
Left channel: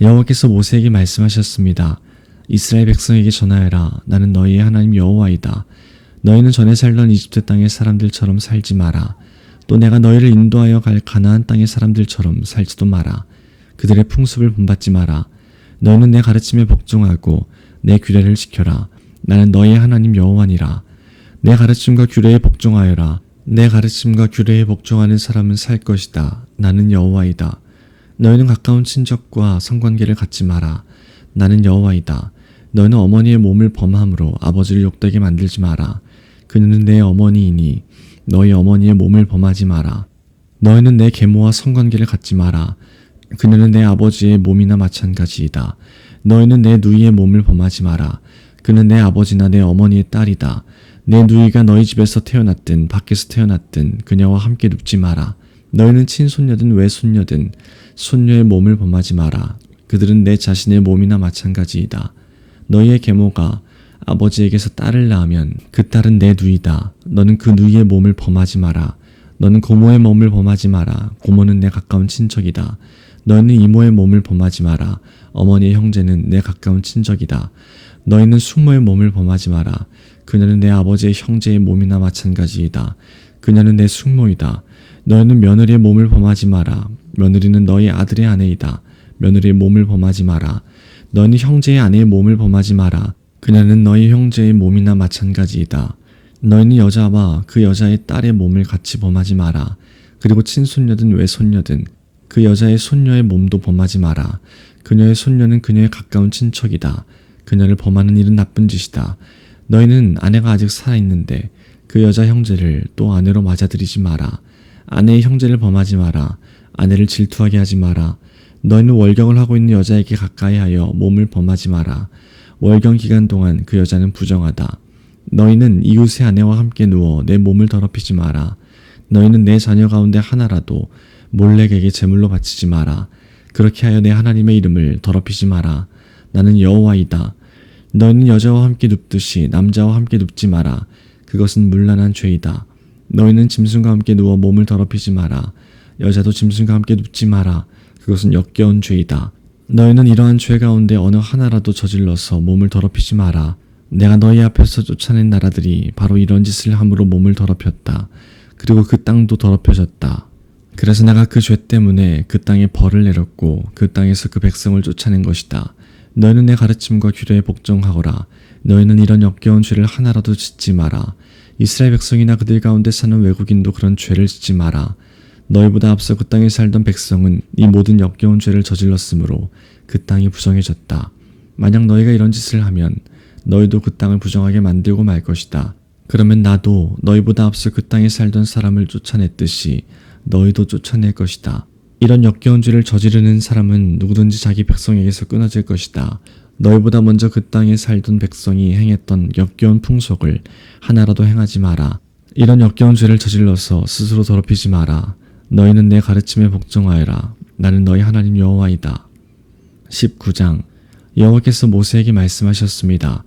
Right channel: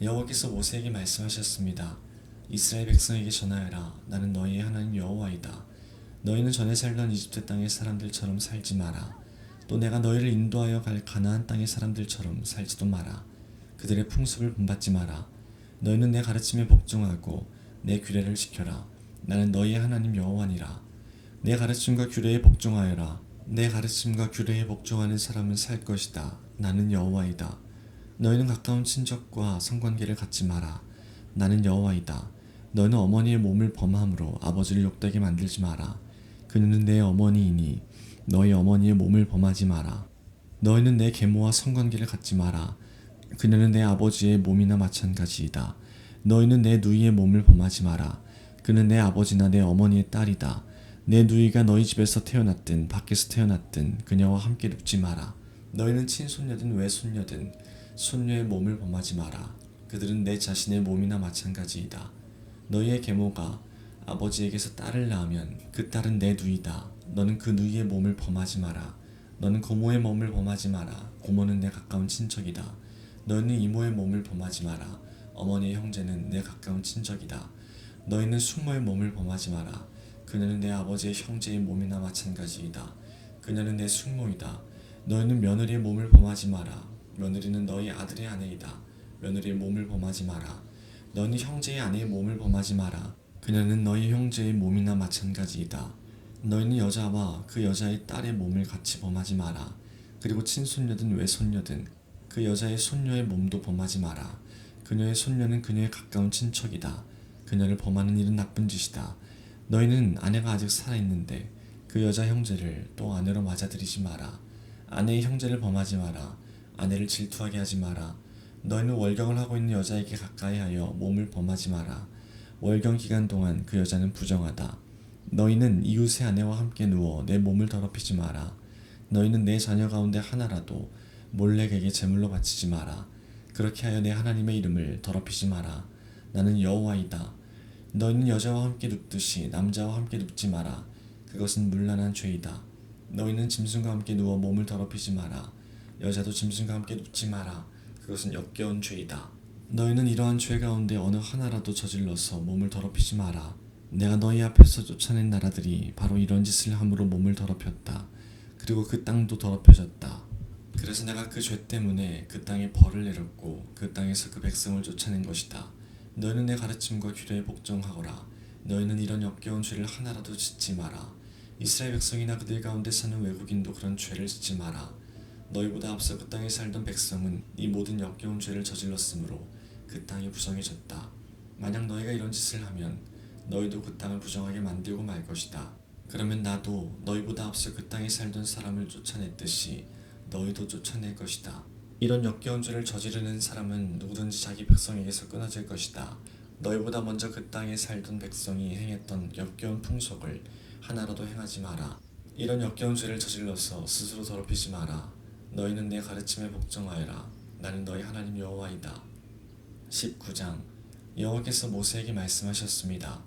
여호와께서 모세에게 말씀하셨습니다. 이스라엘 백성에게 전하여라. 나는 너희의 하나님 여호와이다. 너희는 전에 살던 이집트 땅의 사람들처럼 살지 마라. 또 내가 너희를 인도하여 갈 가나안 땅의 사람들처럼 살지도 마라. 그들의 풍습을 본받지 마라. 너희는 내 가르침에 복종하고 내 규례를 지켜라. 나는 너희의 하나님 여호와니라. 내 가르침과 규례에 복종하여라. 내 가르침과 규례에 복종하는 사람은 살 것이다. 나는 여호와이다. 너희는 가까운 친척과 성관계를 갖지 마라. 나는 여호와이다. 너희는 어머니의 몸을 범함으로 아버지를 욕되게 만들지 마라. 그녀는 내 어머니이니 너희 어머니의 몸을 범하지 마라. 너희는 내 계모와 성관계를 갖지 마라. 그녀는 내 아버지의 몸이나 마찬가지이다. 너희는 내 누이의 몸을 범하지 마라. 그는 내 아버지나 내 어머니의 딸이다. 내 누이가 너희 집에서 태어났든 밖에서 태어났든 그녀와 함께 눕지 마라. 너희는 친손녀든 외손녀든 손녀의 몸을 범하지 마라. 그들은 내 자신의 몸이나 마찬가지이다. 너희의 계모가 아버지에게서 딸을 낳으면 그 딸은 내 누이다. 너는 그 누이의 몸을 범하지 마라. 너는 고모의 몸을 범하지 마라. 고모는 내 가까운 친척이다. 너희는 이모의 몸을 범하지 마라. 어머니의 형제는 내 가까운 친척이다. 너희는 숙모의 몸을 범하지 마라. 그녀는 내 아버지의 형제의 몸이나 마찬가지이다. 그녀는 내 숙모이다. 너희는 며느리의 몸을 범하지 마라. 며느리는 너희 아들의 아내이다. 며느리의 몸을 범하지 마라. 너희는 형제의 아내의 몸을 범하지 마라. 그녀는 너희 형제의 몸이나 마찬가지이다. 너희는 여자와 그 여자의 딸의 몸을 같이 범하지 마라. 그리고 친손녀든 외손녀든 그 여자의 손녀의 몸도 범하지 마라. 그녀의 손녀는 그녀의 가까운 친척이다. 그녀를 범하는 일은 나쁜 짓이다. 너희는 아내가 아직 살아있는데 그 여자 형제를 또 아내로 맞아들이지 마라. 아내의 형제를 범하지 마라. 아내를 질투하게 하지 마라. 너희는 월경을 하고 있는 여자에게 가까이하여 몸을 범하지 마라. 월경 기간 동안 그 여자는 부정하다. 너희는 이웃의 아내와 함께 누워 내 몸을 더럽히지 마라. 너희는 내 자녀 가운데 하나라도 몰렉에게 제물로 바치지 마라. 그렇게 하여 내 하나님의 이름을 더럽히지 마라. 나는 여호와이다. 너희는 여자와 함께 눕듯이 남자와 함께 눕지 마라. 그것은 문란한 죄이다. 너희는 짐승과 함께 누워 몸을 더럽히지 마라. 여자도 짐승과 함께 눕지 마라. 그것은 역겨운 죄이다. 너희는 이러한 죄 가운데 어느 하나라도 저질러서 몸을 더럽히지 마라. 내가 너희 앞에서 쫓아낸 나라들이 바로 이런 짓을 함으로 몸을 더럽혔다. 그리고 그 땅도 더럽혀졌다. 그래서 내가 그 죄 때문에 그 땅에 벌을 내렸고 그 땅에서 그 백성을 쫓아낸 것이다. 너희는 내 가르침과 규례에 복종하거라. 너희는 이런 역겨운 죄를 하나라도 짓지 마라. 이스라엘 백성이나 그들 가운데 사는 외국인도 그런 죄를 짓지 마라. 너희보다 앞서 그 땅에 살던 백성은 이 모든 역겨운 죄를 저질렀으므로 그 땅이 부정해졌다. 만약 너희가 이런 짓을 하면 너희도 그 땅을 부정하게 만들고 말 것이다. 그러면 나도 너희보다 앞서 그 땅에 살던 사람을 쫓아냈듯이 너희도 쫓아낼 것이다. 이런 역겨운 죄를 저지르는 사람은 누구든지 자기 백성에게서 끊어질 것이다. 너희보다 먼저 그 땅에 살던 백성이 행했던 역겨운 풍속을 하나라도 행하지 마라. 이런 역겨운 죄를 저질러서 스스로 더럽히지 마라. 너희는 내 가르침에 복종하여라. 나는 너희 하나님 여호와이다. 19장 여호와께서 모세에게 말씀하셨습니다.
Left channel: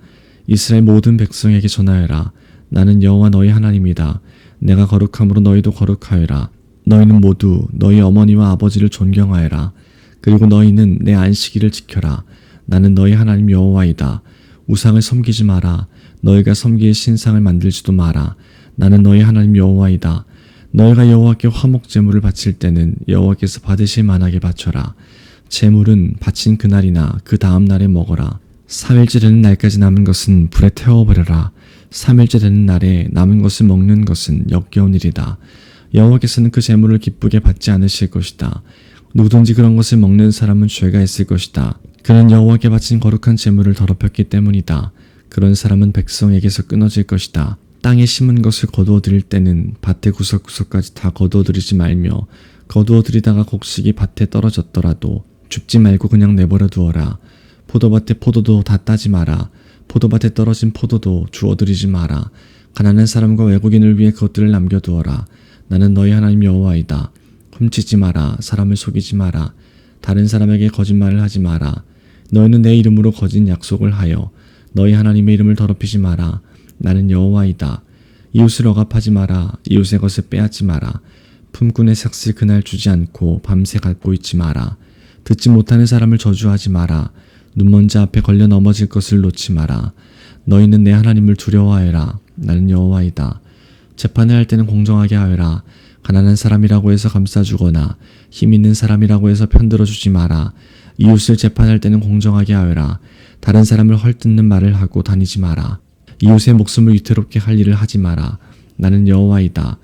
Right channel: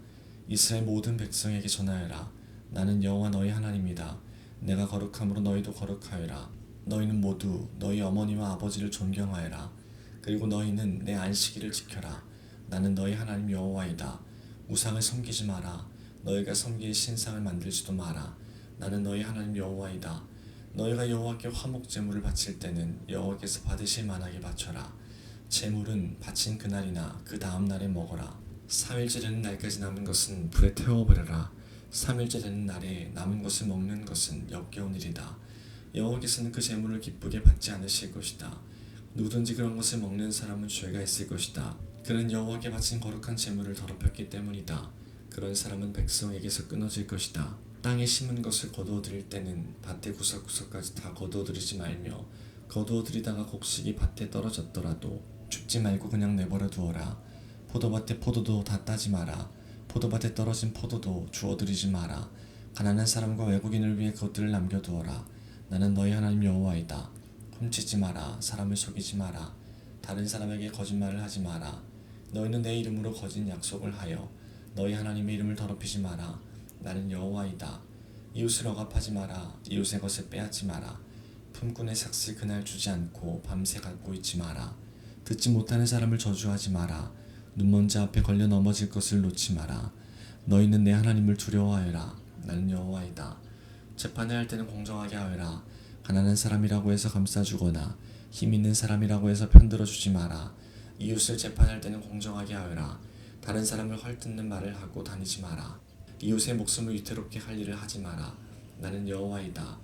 이스라엘 모든 백성에게 전하여라. 나는 여호와 너희 하나님이다. 내가 거룩함으로 너희도 거룩하여라. 너희는 모두 너희 어머니와 아버지를 존경하여라. 그리고 너희는 내 안식일을 지켜라. 나는 너희 하나님 여호와이다. 우상을 섬기지 마라. 너희가 섬길 신상을 만들지도 마라. 나는 너희 하나님 여호와이다. 너희가 여호와께 화목 제물을 바칠 때는 여호와께서 받으실 만하게 바쳐라. 제물은 바친 그날이나 그 다음 날에 먹어라. 3일째 되는 날까지 남은 것은 불에 태워버려라. 3일째 되는 날에 남은 것을 먹는 것은 역겨운 일이다. 여호와께서는 그 제물을 기쁘게 받지 않으실 것이다. 누구든지 그런 것을 먹는 사람은 죄가 있을 것이다. 그는 여호와께 바친 거룩한 제물을 더럽혔기 때문이다. 그런 사람은 백성에게서 끊어질 것이다. 땅에 심은 것을 거두어 들일 때는 밭의 구석구석까지 다 거두어 들이지 말며 거두어 들이다가 곡식이 밭에 떨어졌더라도 줍지 말고 그냥 내버려 두어라. 포도밭의 포도도 다 따지 마라. 포도밭에 떨어진 포도도 주워 들이지 마라. 가난한 사람과 외국인을 위해 그것들을 남겨두어라. 나는 너희 하나님 여호와이다. 훔치지 마라. 사람을 속이지 마라. 다른 사람에게 거짓말을 하지 마라. 너희는 내 이름으로 거짓 약속을 하여 너희 하나님의 이름을 더럽히지 마라. 나는 여호와이다. 이웃을 억압하지 마라. 이웃의 것을 빼앗지 마라. 품꾼의 삭슬 그날 주지 않고 밤새 갖고 있지 마라. 듣지 못하는 사람을 저주하지 마라. 눈먼지 앞에 걸려 넘어질 것을 놓지 마라. 너희는 내 하나님을 두려워하여라. 나는 여호와이다. 재판을 할 때는 공정하게 하여라. 가난한 사람이라고 해서 감싸주거나 힘 있는 사람이라고 해서 편들어주지 마라. 이웃을 재판할 때는 공정하게 하여라. 다른 사람을 헐뜯는 말을 하고 다니지 마라. 이웃의 목숨을 위태롭게 할 일을 하지 마라. 나는 여호와이다.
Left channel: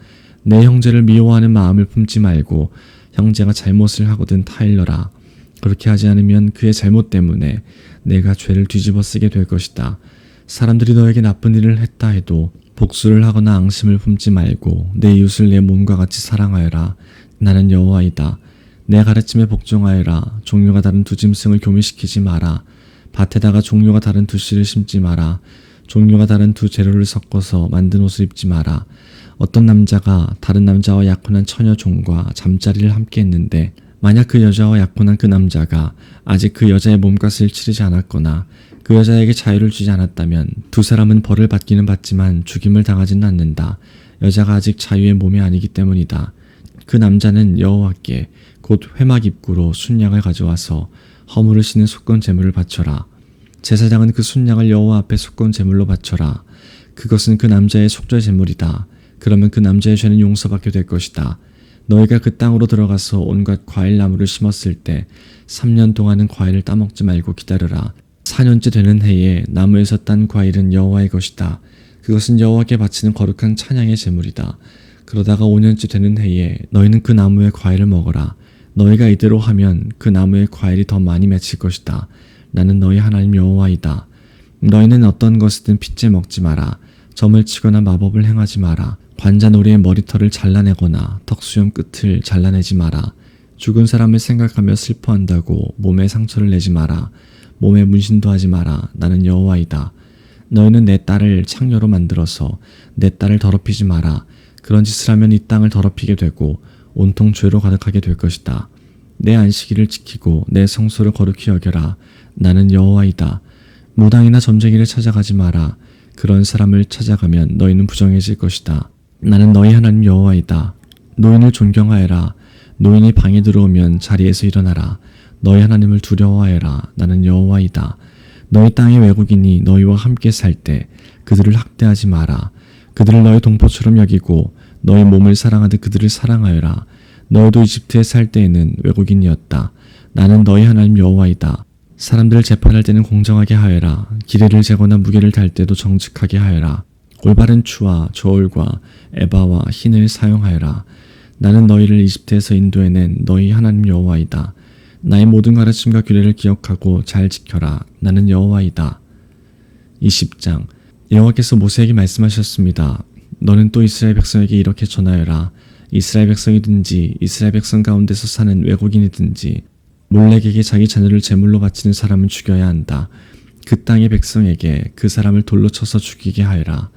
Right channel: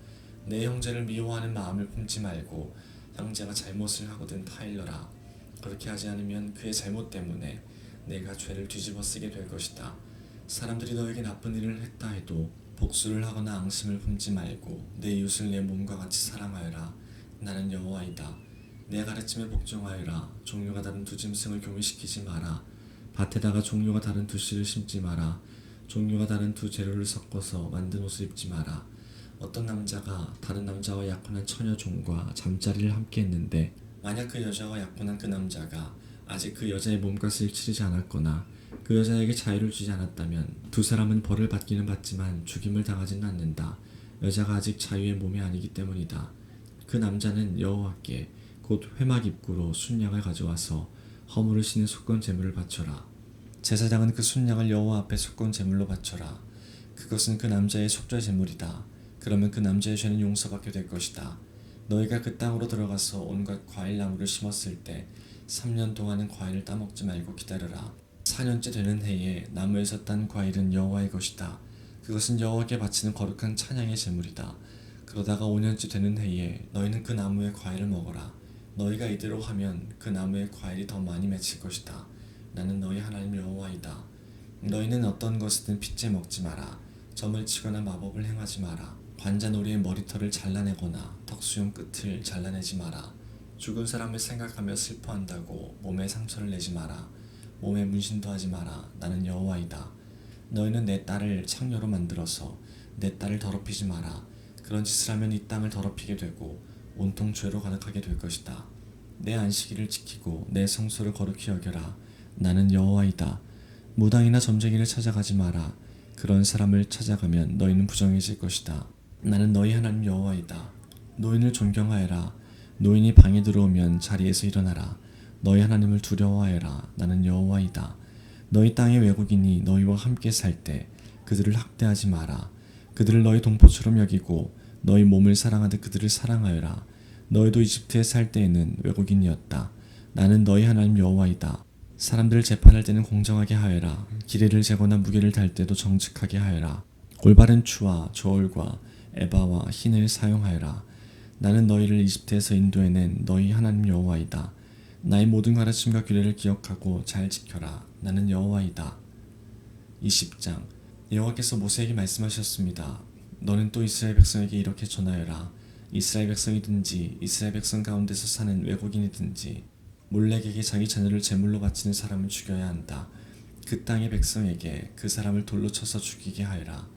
내 형제를 미워하는 마음을 품지 말고 형제가 잘못을 하거든 타일러라. 그렇게 하지 않으면 그의 잘못 때문에 내가 죄를 뒤집어 쓰게 될 것이다. 사람들이 너에게 나쁜 일을 했다 해도 복수를 하거나 앙심을 품지 말고 내 이웃을 내 몸과 같이 사랑하여라. 나는 여호와이다. 내 가르침에 복종하여라. 종류가 다른 두 짐승을 교미시키지 마라. 밭에다가 종류가 다른 두 씨를 심지 마라. 종류가 다른 두 재료를 섞어서 만든 옷을 입지 마라. 어떤 남자가 다른 남자와 약혼한 처녀 종과 잠자리를 함께 했는데 만약 그 여자와 약혼한 그 남자가 아직 그 여자의 몸값을 치르지 않았거나 그 여자에게 자유를 주지 않았다면 두 사람은 벌을 받기는 받지만 죽임을 당하지는 않는다. 여자가 아직 자유의 몸이 아니기 때문이다. 그 남자는 여호와께 곧 회막 입구로 순양을 가져와서 허물을 씻는 속건 제물을 바쳐라. 제사장은 그 순양을 여호와 앞에 속건 제물로 바쳐라. 그것은 그 남자의 속죄 제물이다. 그러면 그 남자의 죄는 용서받게 될 것이다. 너희가 그 땅으로 들어가서 온갖 과일 나무를 심었을 때 3년 동안은 과일을 따먹지 말고 기다려라. 4년째 되는 해에 나무에서 딴 과일은 여호와의 것이다. 그것은 여호와께 바치는 거룩한 찬양의 제물이다. 그러다가 5년째 되는 해에 너희는 그 나무의 과일을 먹어라. 너희가 이대로 하면 그 나무의 과일이 더 많이 맺힐 것이다. 나는 너희 하나님 여호와이다. 너희는 어떤 것이든 핏째 먹지 마라. 점을 치거나 마법을 행하지 마라. 관자놀이의 머리털을 잘라내거나 턱수염 끝을 잘라내지 마라. 죽은 사람을 생각하며 슬퍼한다고 몸에 상처를 내지 마라. 몸에 문신도 하지 마라. 나는 여호와이다. 너희는 내 딸을 창녀로 만들어서 내 딸을 더럽히지 마라. 그런 짓을 하면 이 땅을 더럽히게 되고 온통 죄로 가득하게 될 것이다. 내 안식일을 지키고 내 성소를 거룩히 여겨라. 나는 여호와이다. 무당이나 점쟁이를 찾아가지 마라. 그런 사람을 찾아가면 너희는 부정해질 것이다. 나는 너희 하나님 여호와이다. 노인을 존경하여라. 노인이 방에 들어오면 자리에서 일어나라. 너희 하나님을 두려워하여라. 나는 여호와이다. 너희 땅의 외국인이 너희와 함께 살 때 그들을 학대하지 마라. 그들을 너희 동포처럼 여기고 너희 몸을 사랑하듯 그들을 사랑하여라. 너희도 이집트에 살 때에는 외국인이었다. 나는 너희 하나님 여호와이다. 사람들을 재판할 때는 공정하게 하여라. 기레를 재거나 무게를 달 때도 정직하게 하여라. 올바른 추와 저울과 에바와 흰을 사용하여라. 나는 너희를 이집트에서 인도해낸 너희 하나님 여호와이다. 나의 모든 가르침과 규례를 기억하고 잘 지켜라. 나는 여호와이다. 20장 여호와께서 모세에게 말씀하셨습니다. 너는 또 이스라엘 백성에게 이렇게 전하여라. 이스라엘 백성이든지 이스라엘 백성 가운데서 사는 외국인이든지 몰렉에게 자기 자녀를 제물로 바치는 사람은 죽여야 한다. 그 땅의 백성에게 그 사람을 돌로 쳐서 죽이게 하여라.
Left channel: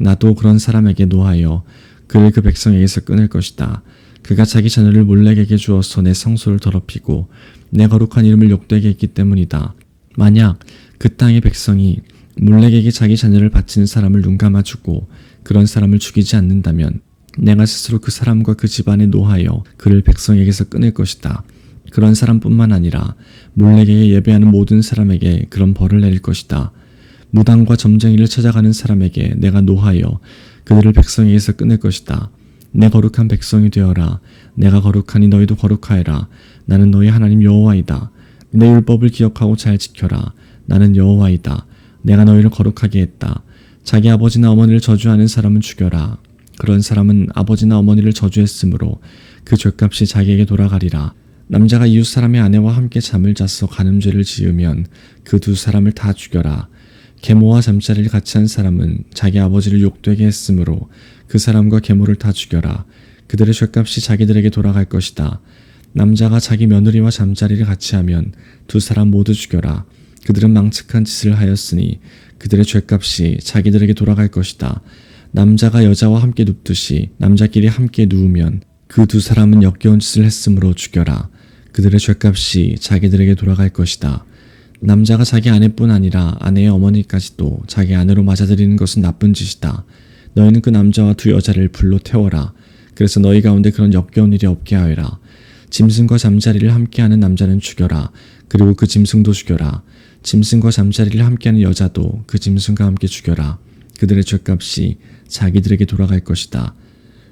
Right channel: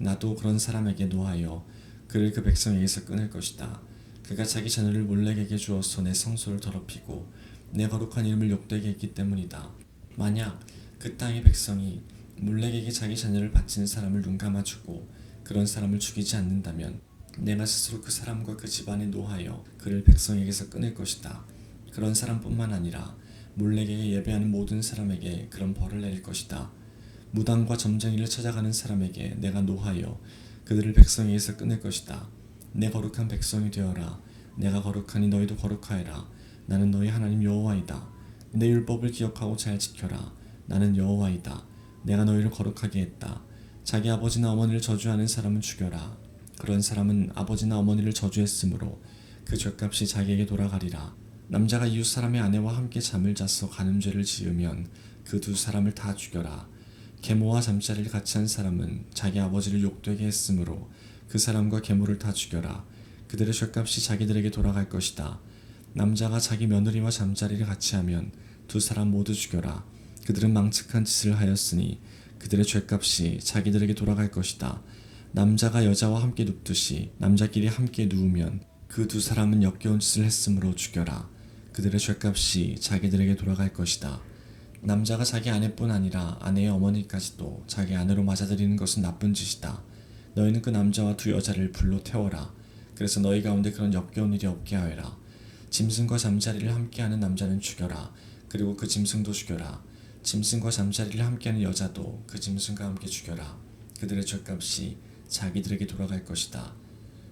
나도 그런 사람에게 노하여 그를 그 백성에게서 끊을 것이다. 그가 자기 자녀를 몰렉에게 주어서 내 성소를 더럽히고 내 거룩한 이름을 욕되게 했기 때문이다. 만약 그 땅의 백성이 몰렉에게 자기 자녀를 바치는 사람을 눈감아주고 그런 사람을 죽이지 않는다면 내가 스스로 그 사람과 그 집안에 노하여 그를 백성에게서 끊을 것이다. 그런 사람뿐만 아니라 몰렉에게 예배하는 모든 사람에게 그런 벌을 내릴 것이다. 무당과 점쟁이를 찾아가는 사람에게 내가 노하여 그들을 백성에게서 끊을 것이다. 내 거룩한 백성이 되어라. 내가 거룩하니 너희도 거룩하여라. 나는 너희 하나님 여호와이다. 내 율법을 기억하고 잘 지켜라. 나는 여호와이다. 내가 너희를 거룩하게 했다. 자기 아버지나 어머니를 저주하는 사람은 죽여라. 그런 사람은 아버지나 어머니를 저주했으므로 그 죄값이 자기에게 돌아가리라. 남자가 이웃 사람의 아내와 함께 잠을 자서 간음죄를 지으면 그 두 사람을 다 죽여라. 계모와 잠자리를 같이 한 사람은 자기 아버지를 욕되게 했으므로 그 사람과 계모를 다 죽여라. 그들의 죄값이 자기들에게 돌아갈 것이다. 남자가 자기 며느리와 잠자리를 같이 하면 두 사람 모두 죽여라. 그들은 망측한 짓을 하였으니 그들의 죄값이 자기들에게 돌아갈 것이다. 남자가 여자와 함께 눕듯이 남자끼리 함께 누우면 그 두 사람은 역겨운 짓을 했으므로 죽여라. 그들의 죄값이 자기들에게 돌아갈 것이다. 남자가 자기 아내뿐 아니라 아내의 어머니까지도 자기 아내로 맞아들이는 것은 나쁜 짓이다. 너희는 그 남자와 두 여자를 불로 태워라. 그래서 너희 가운데 그런 역겨운 일이 없게 하여라. 짐승과 잠자리를 함께하는 남자는 죽여라. 그리고 그 짐승도 죽여라. 짐승과 잠자리를 함께하는 여자도 그 짐승과 함께 죽여라. 그들의 죄값이 자기들에게 돌아갈 것이다.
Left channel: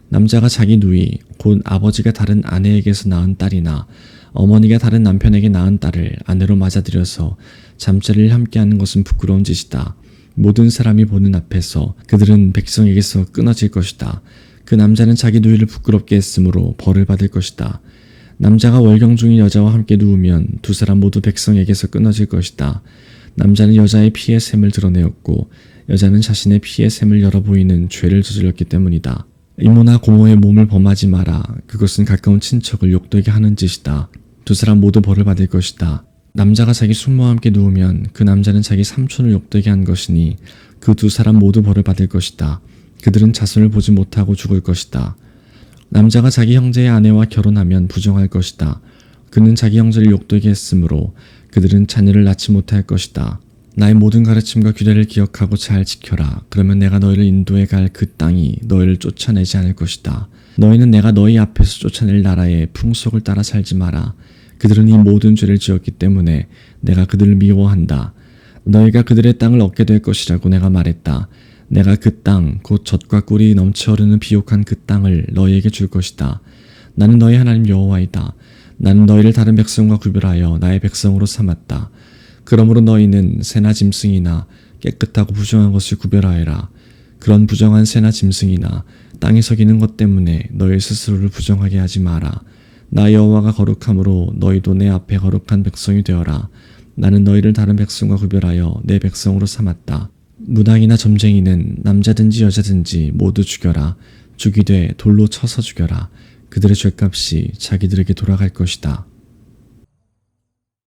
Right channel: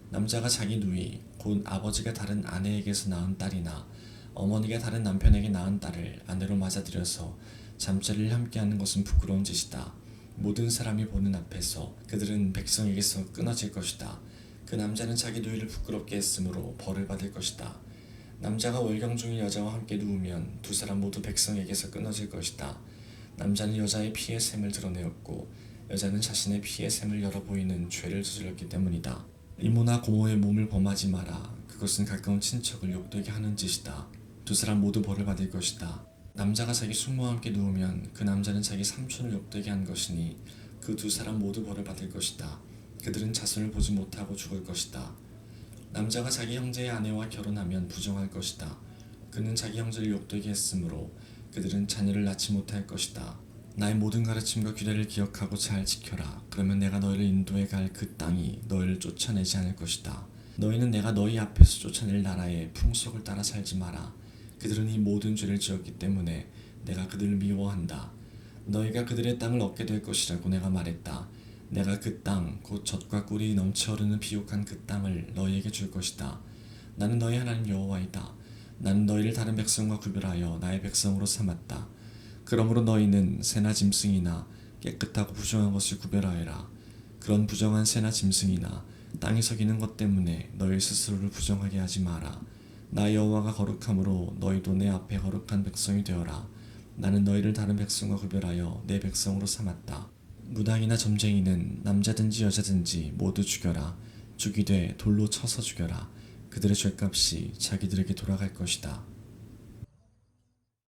남자가 자기 누이 곧 아버지가 다른 아내에게서 낳은 딸이나 어머니가 다른 남편에게 낳은 딸을 아내로 맞아들여서 잠자리를 함께하는 것은 부끄러운 짓이다. 모든 사람이 보는 앞에서 그들은 백성에게서 끊어질 것이다. 그 남자는 자기 누이를 부끄럽게 했으므로 벌을 받을 것이다. 남자가 월경 중인 여자와 함께 누우면 두 사람 모두 백성에게서 끊어질 것이다. 남자는 여자의 피의 샘을 드러내었고 여자는 자신의 피의 샘을 열어 보이는 죄를 저질렀기 때문이다. 이모나 고모의 몸을 범하지 마라. 그것은 가까운 친척을 욕되게 하는 짓이다. 두 사람 모두 벌을 받을 것이다. 남자가 자기 숙모와 함께 누우면 그 남자는 자기 삼촌을 욕되게 한 것이니 그 두 사람 모두 벌을 받을 것이다. 그들은 자손을 보지 못하고 죽을 것이다. 남자가 자기 형제의 아내와 결혼하면 부정할 것이다. 그는 자기 형제를 욕되게 했으므로 그들은 자녀를 낳지 못할 것이다. 나의 모든 가르침과 규례를 기억하고 잘 지켜라. 그러면 내가 너희를 인도해 갈 그 땅이 너희를 쫓아내지 않을 것이다. 너희는 내가 너희 앞에서 쫓아낼 나라의 풍속을 따라 살지 마라. 그들은 이 모든 죄를 지었기 때문에 내가 그들을 미워한다. 너희가 그들의 땅을 얻게 될 것이라고 내가 말했다. 내가 그 땅, 곧 젖과 꿀이 넘쳐 흐르는 비옥한 그 땅을 너희에게 줄 것이다. 나는 너희 하나님 여호와이다. 나는 너희를 다른 백성과 구별하여 나의 백성으로 삼았다. 그러므로 너희는 새나 짐승이나 깨끗하고 부정한 것을 구별하여라. 그런 부정한 새나 짐승이나 땅에서 기는 것 때문에 너희 스스로를 부정하게 하지 마라. 나 여호와가 거룩함으로 너희도 내 앞에 거룩한 백성이 되어라. 나는 너희를 다른 백성과 구별하여 내 백성으로 삼았다. 무당이나 점쟁이는 남자든지 여자든지 모두 죽여라. 죽이되 돌로 쳐서 죽여라. 그들의 죄값이 자기들에게 돌아갈 것이다.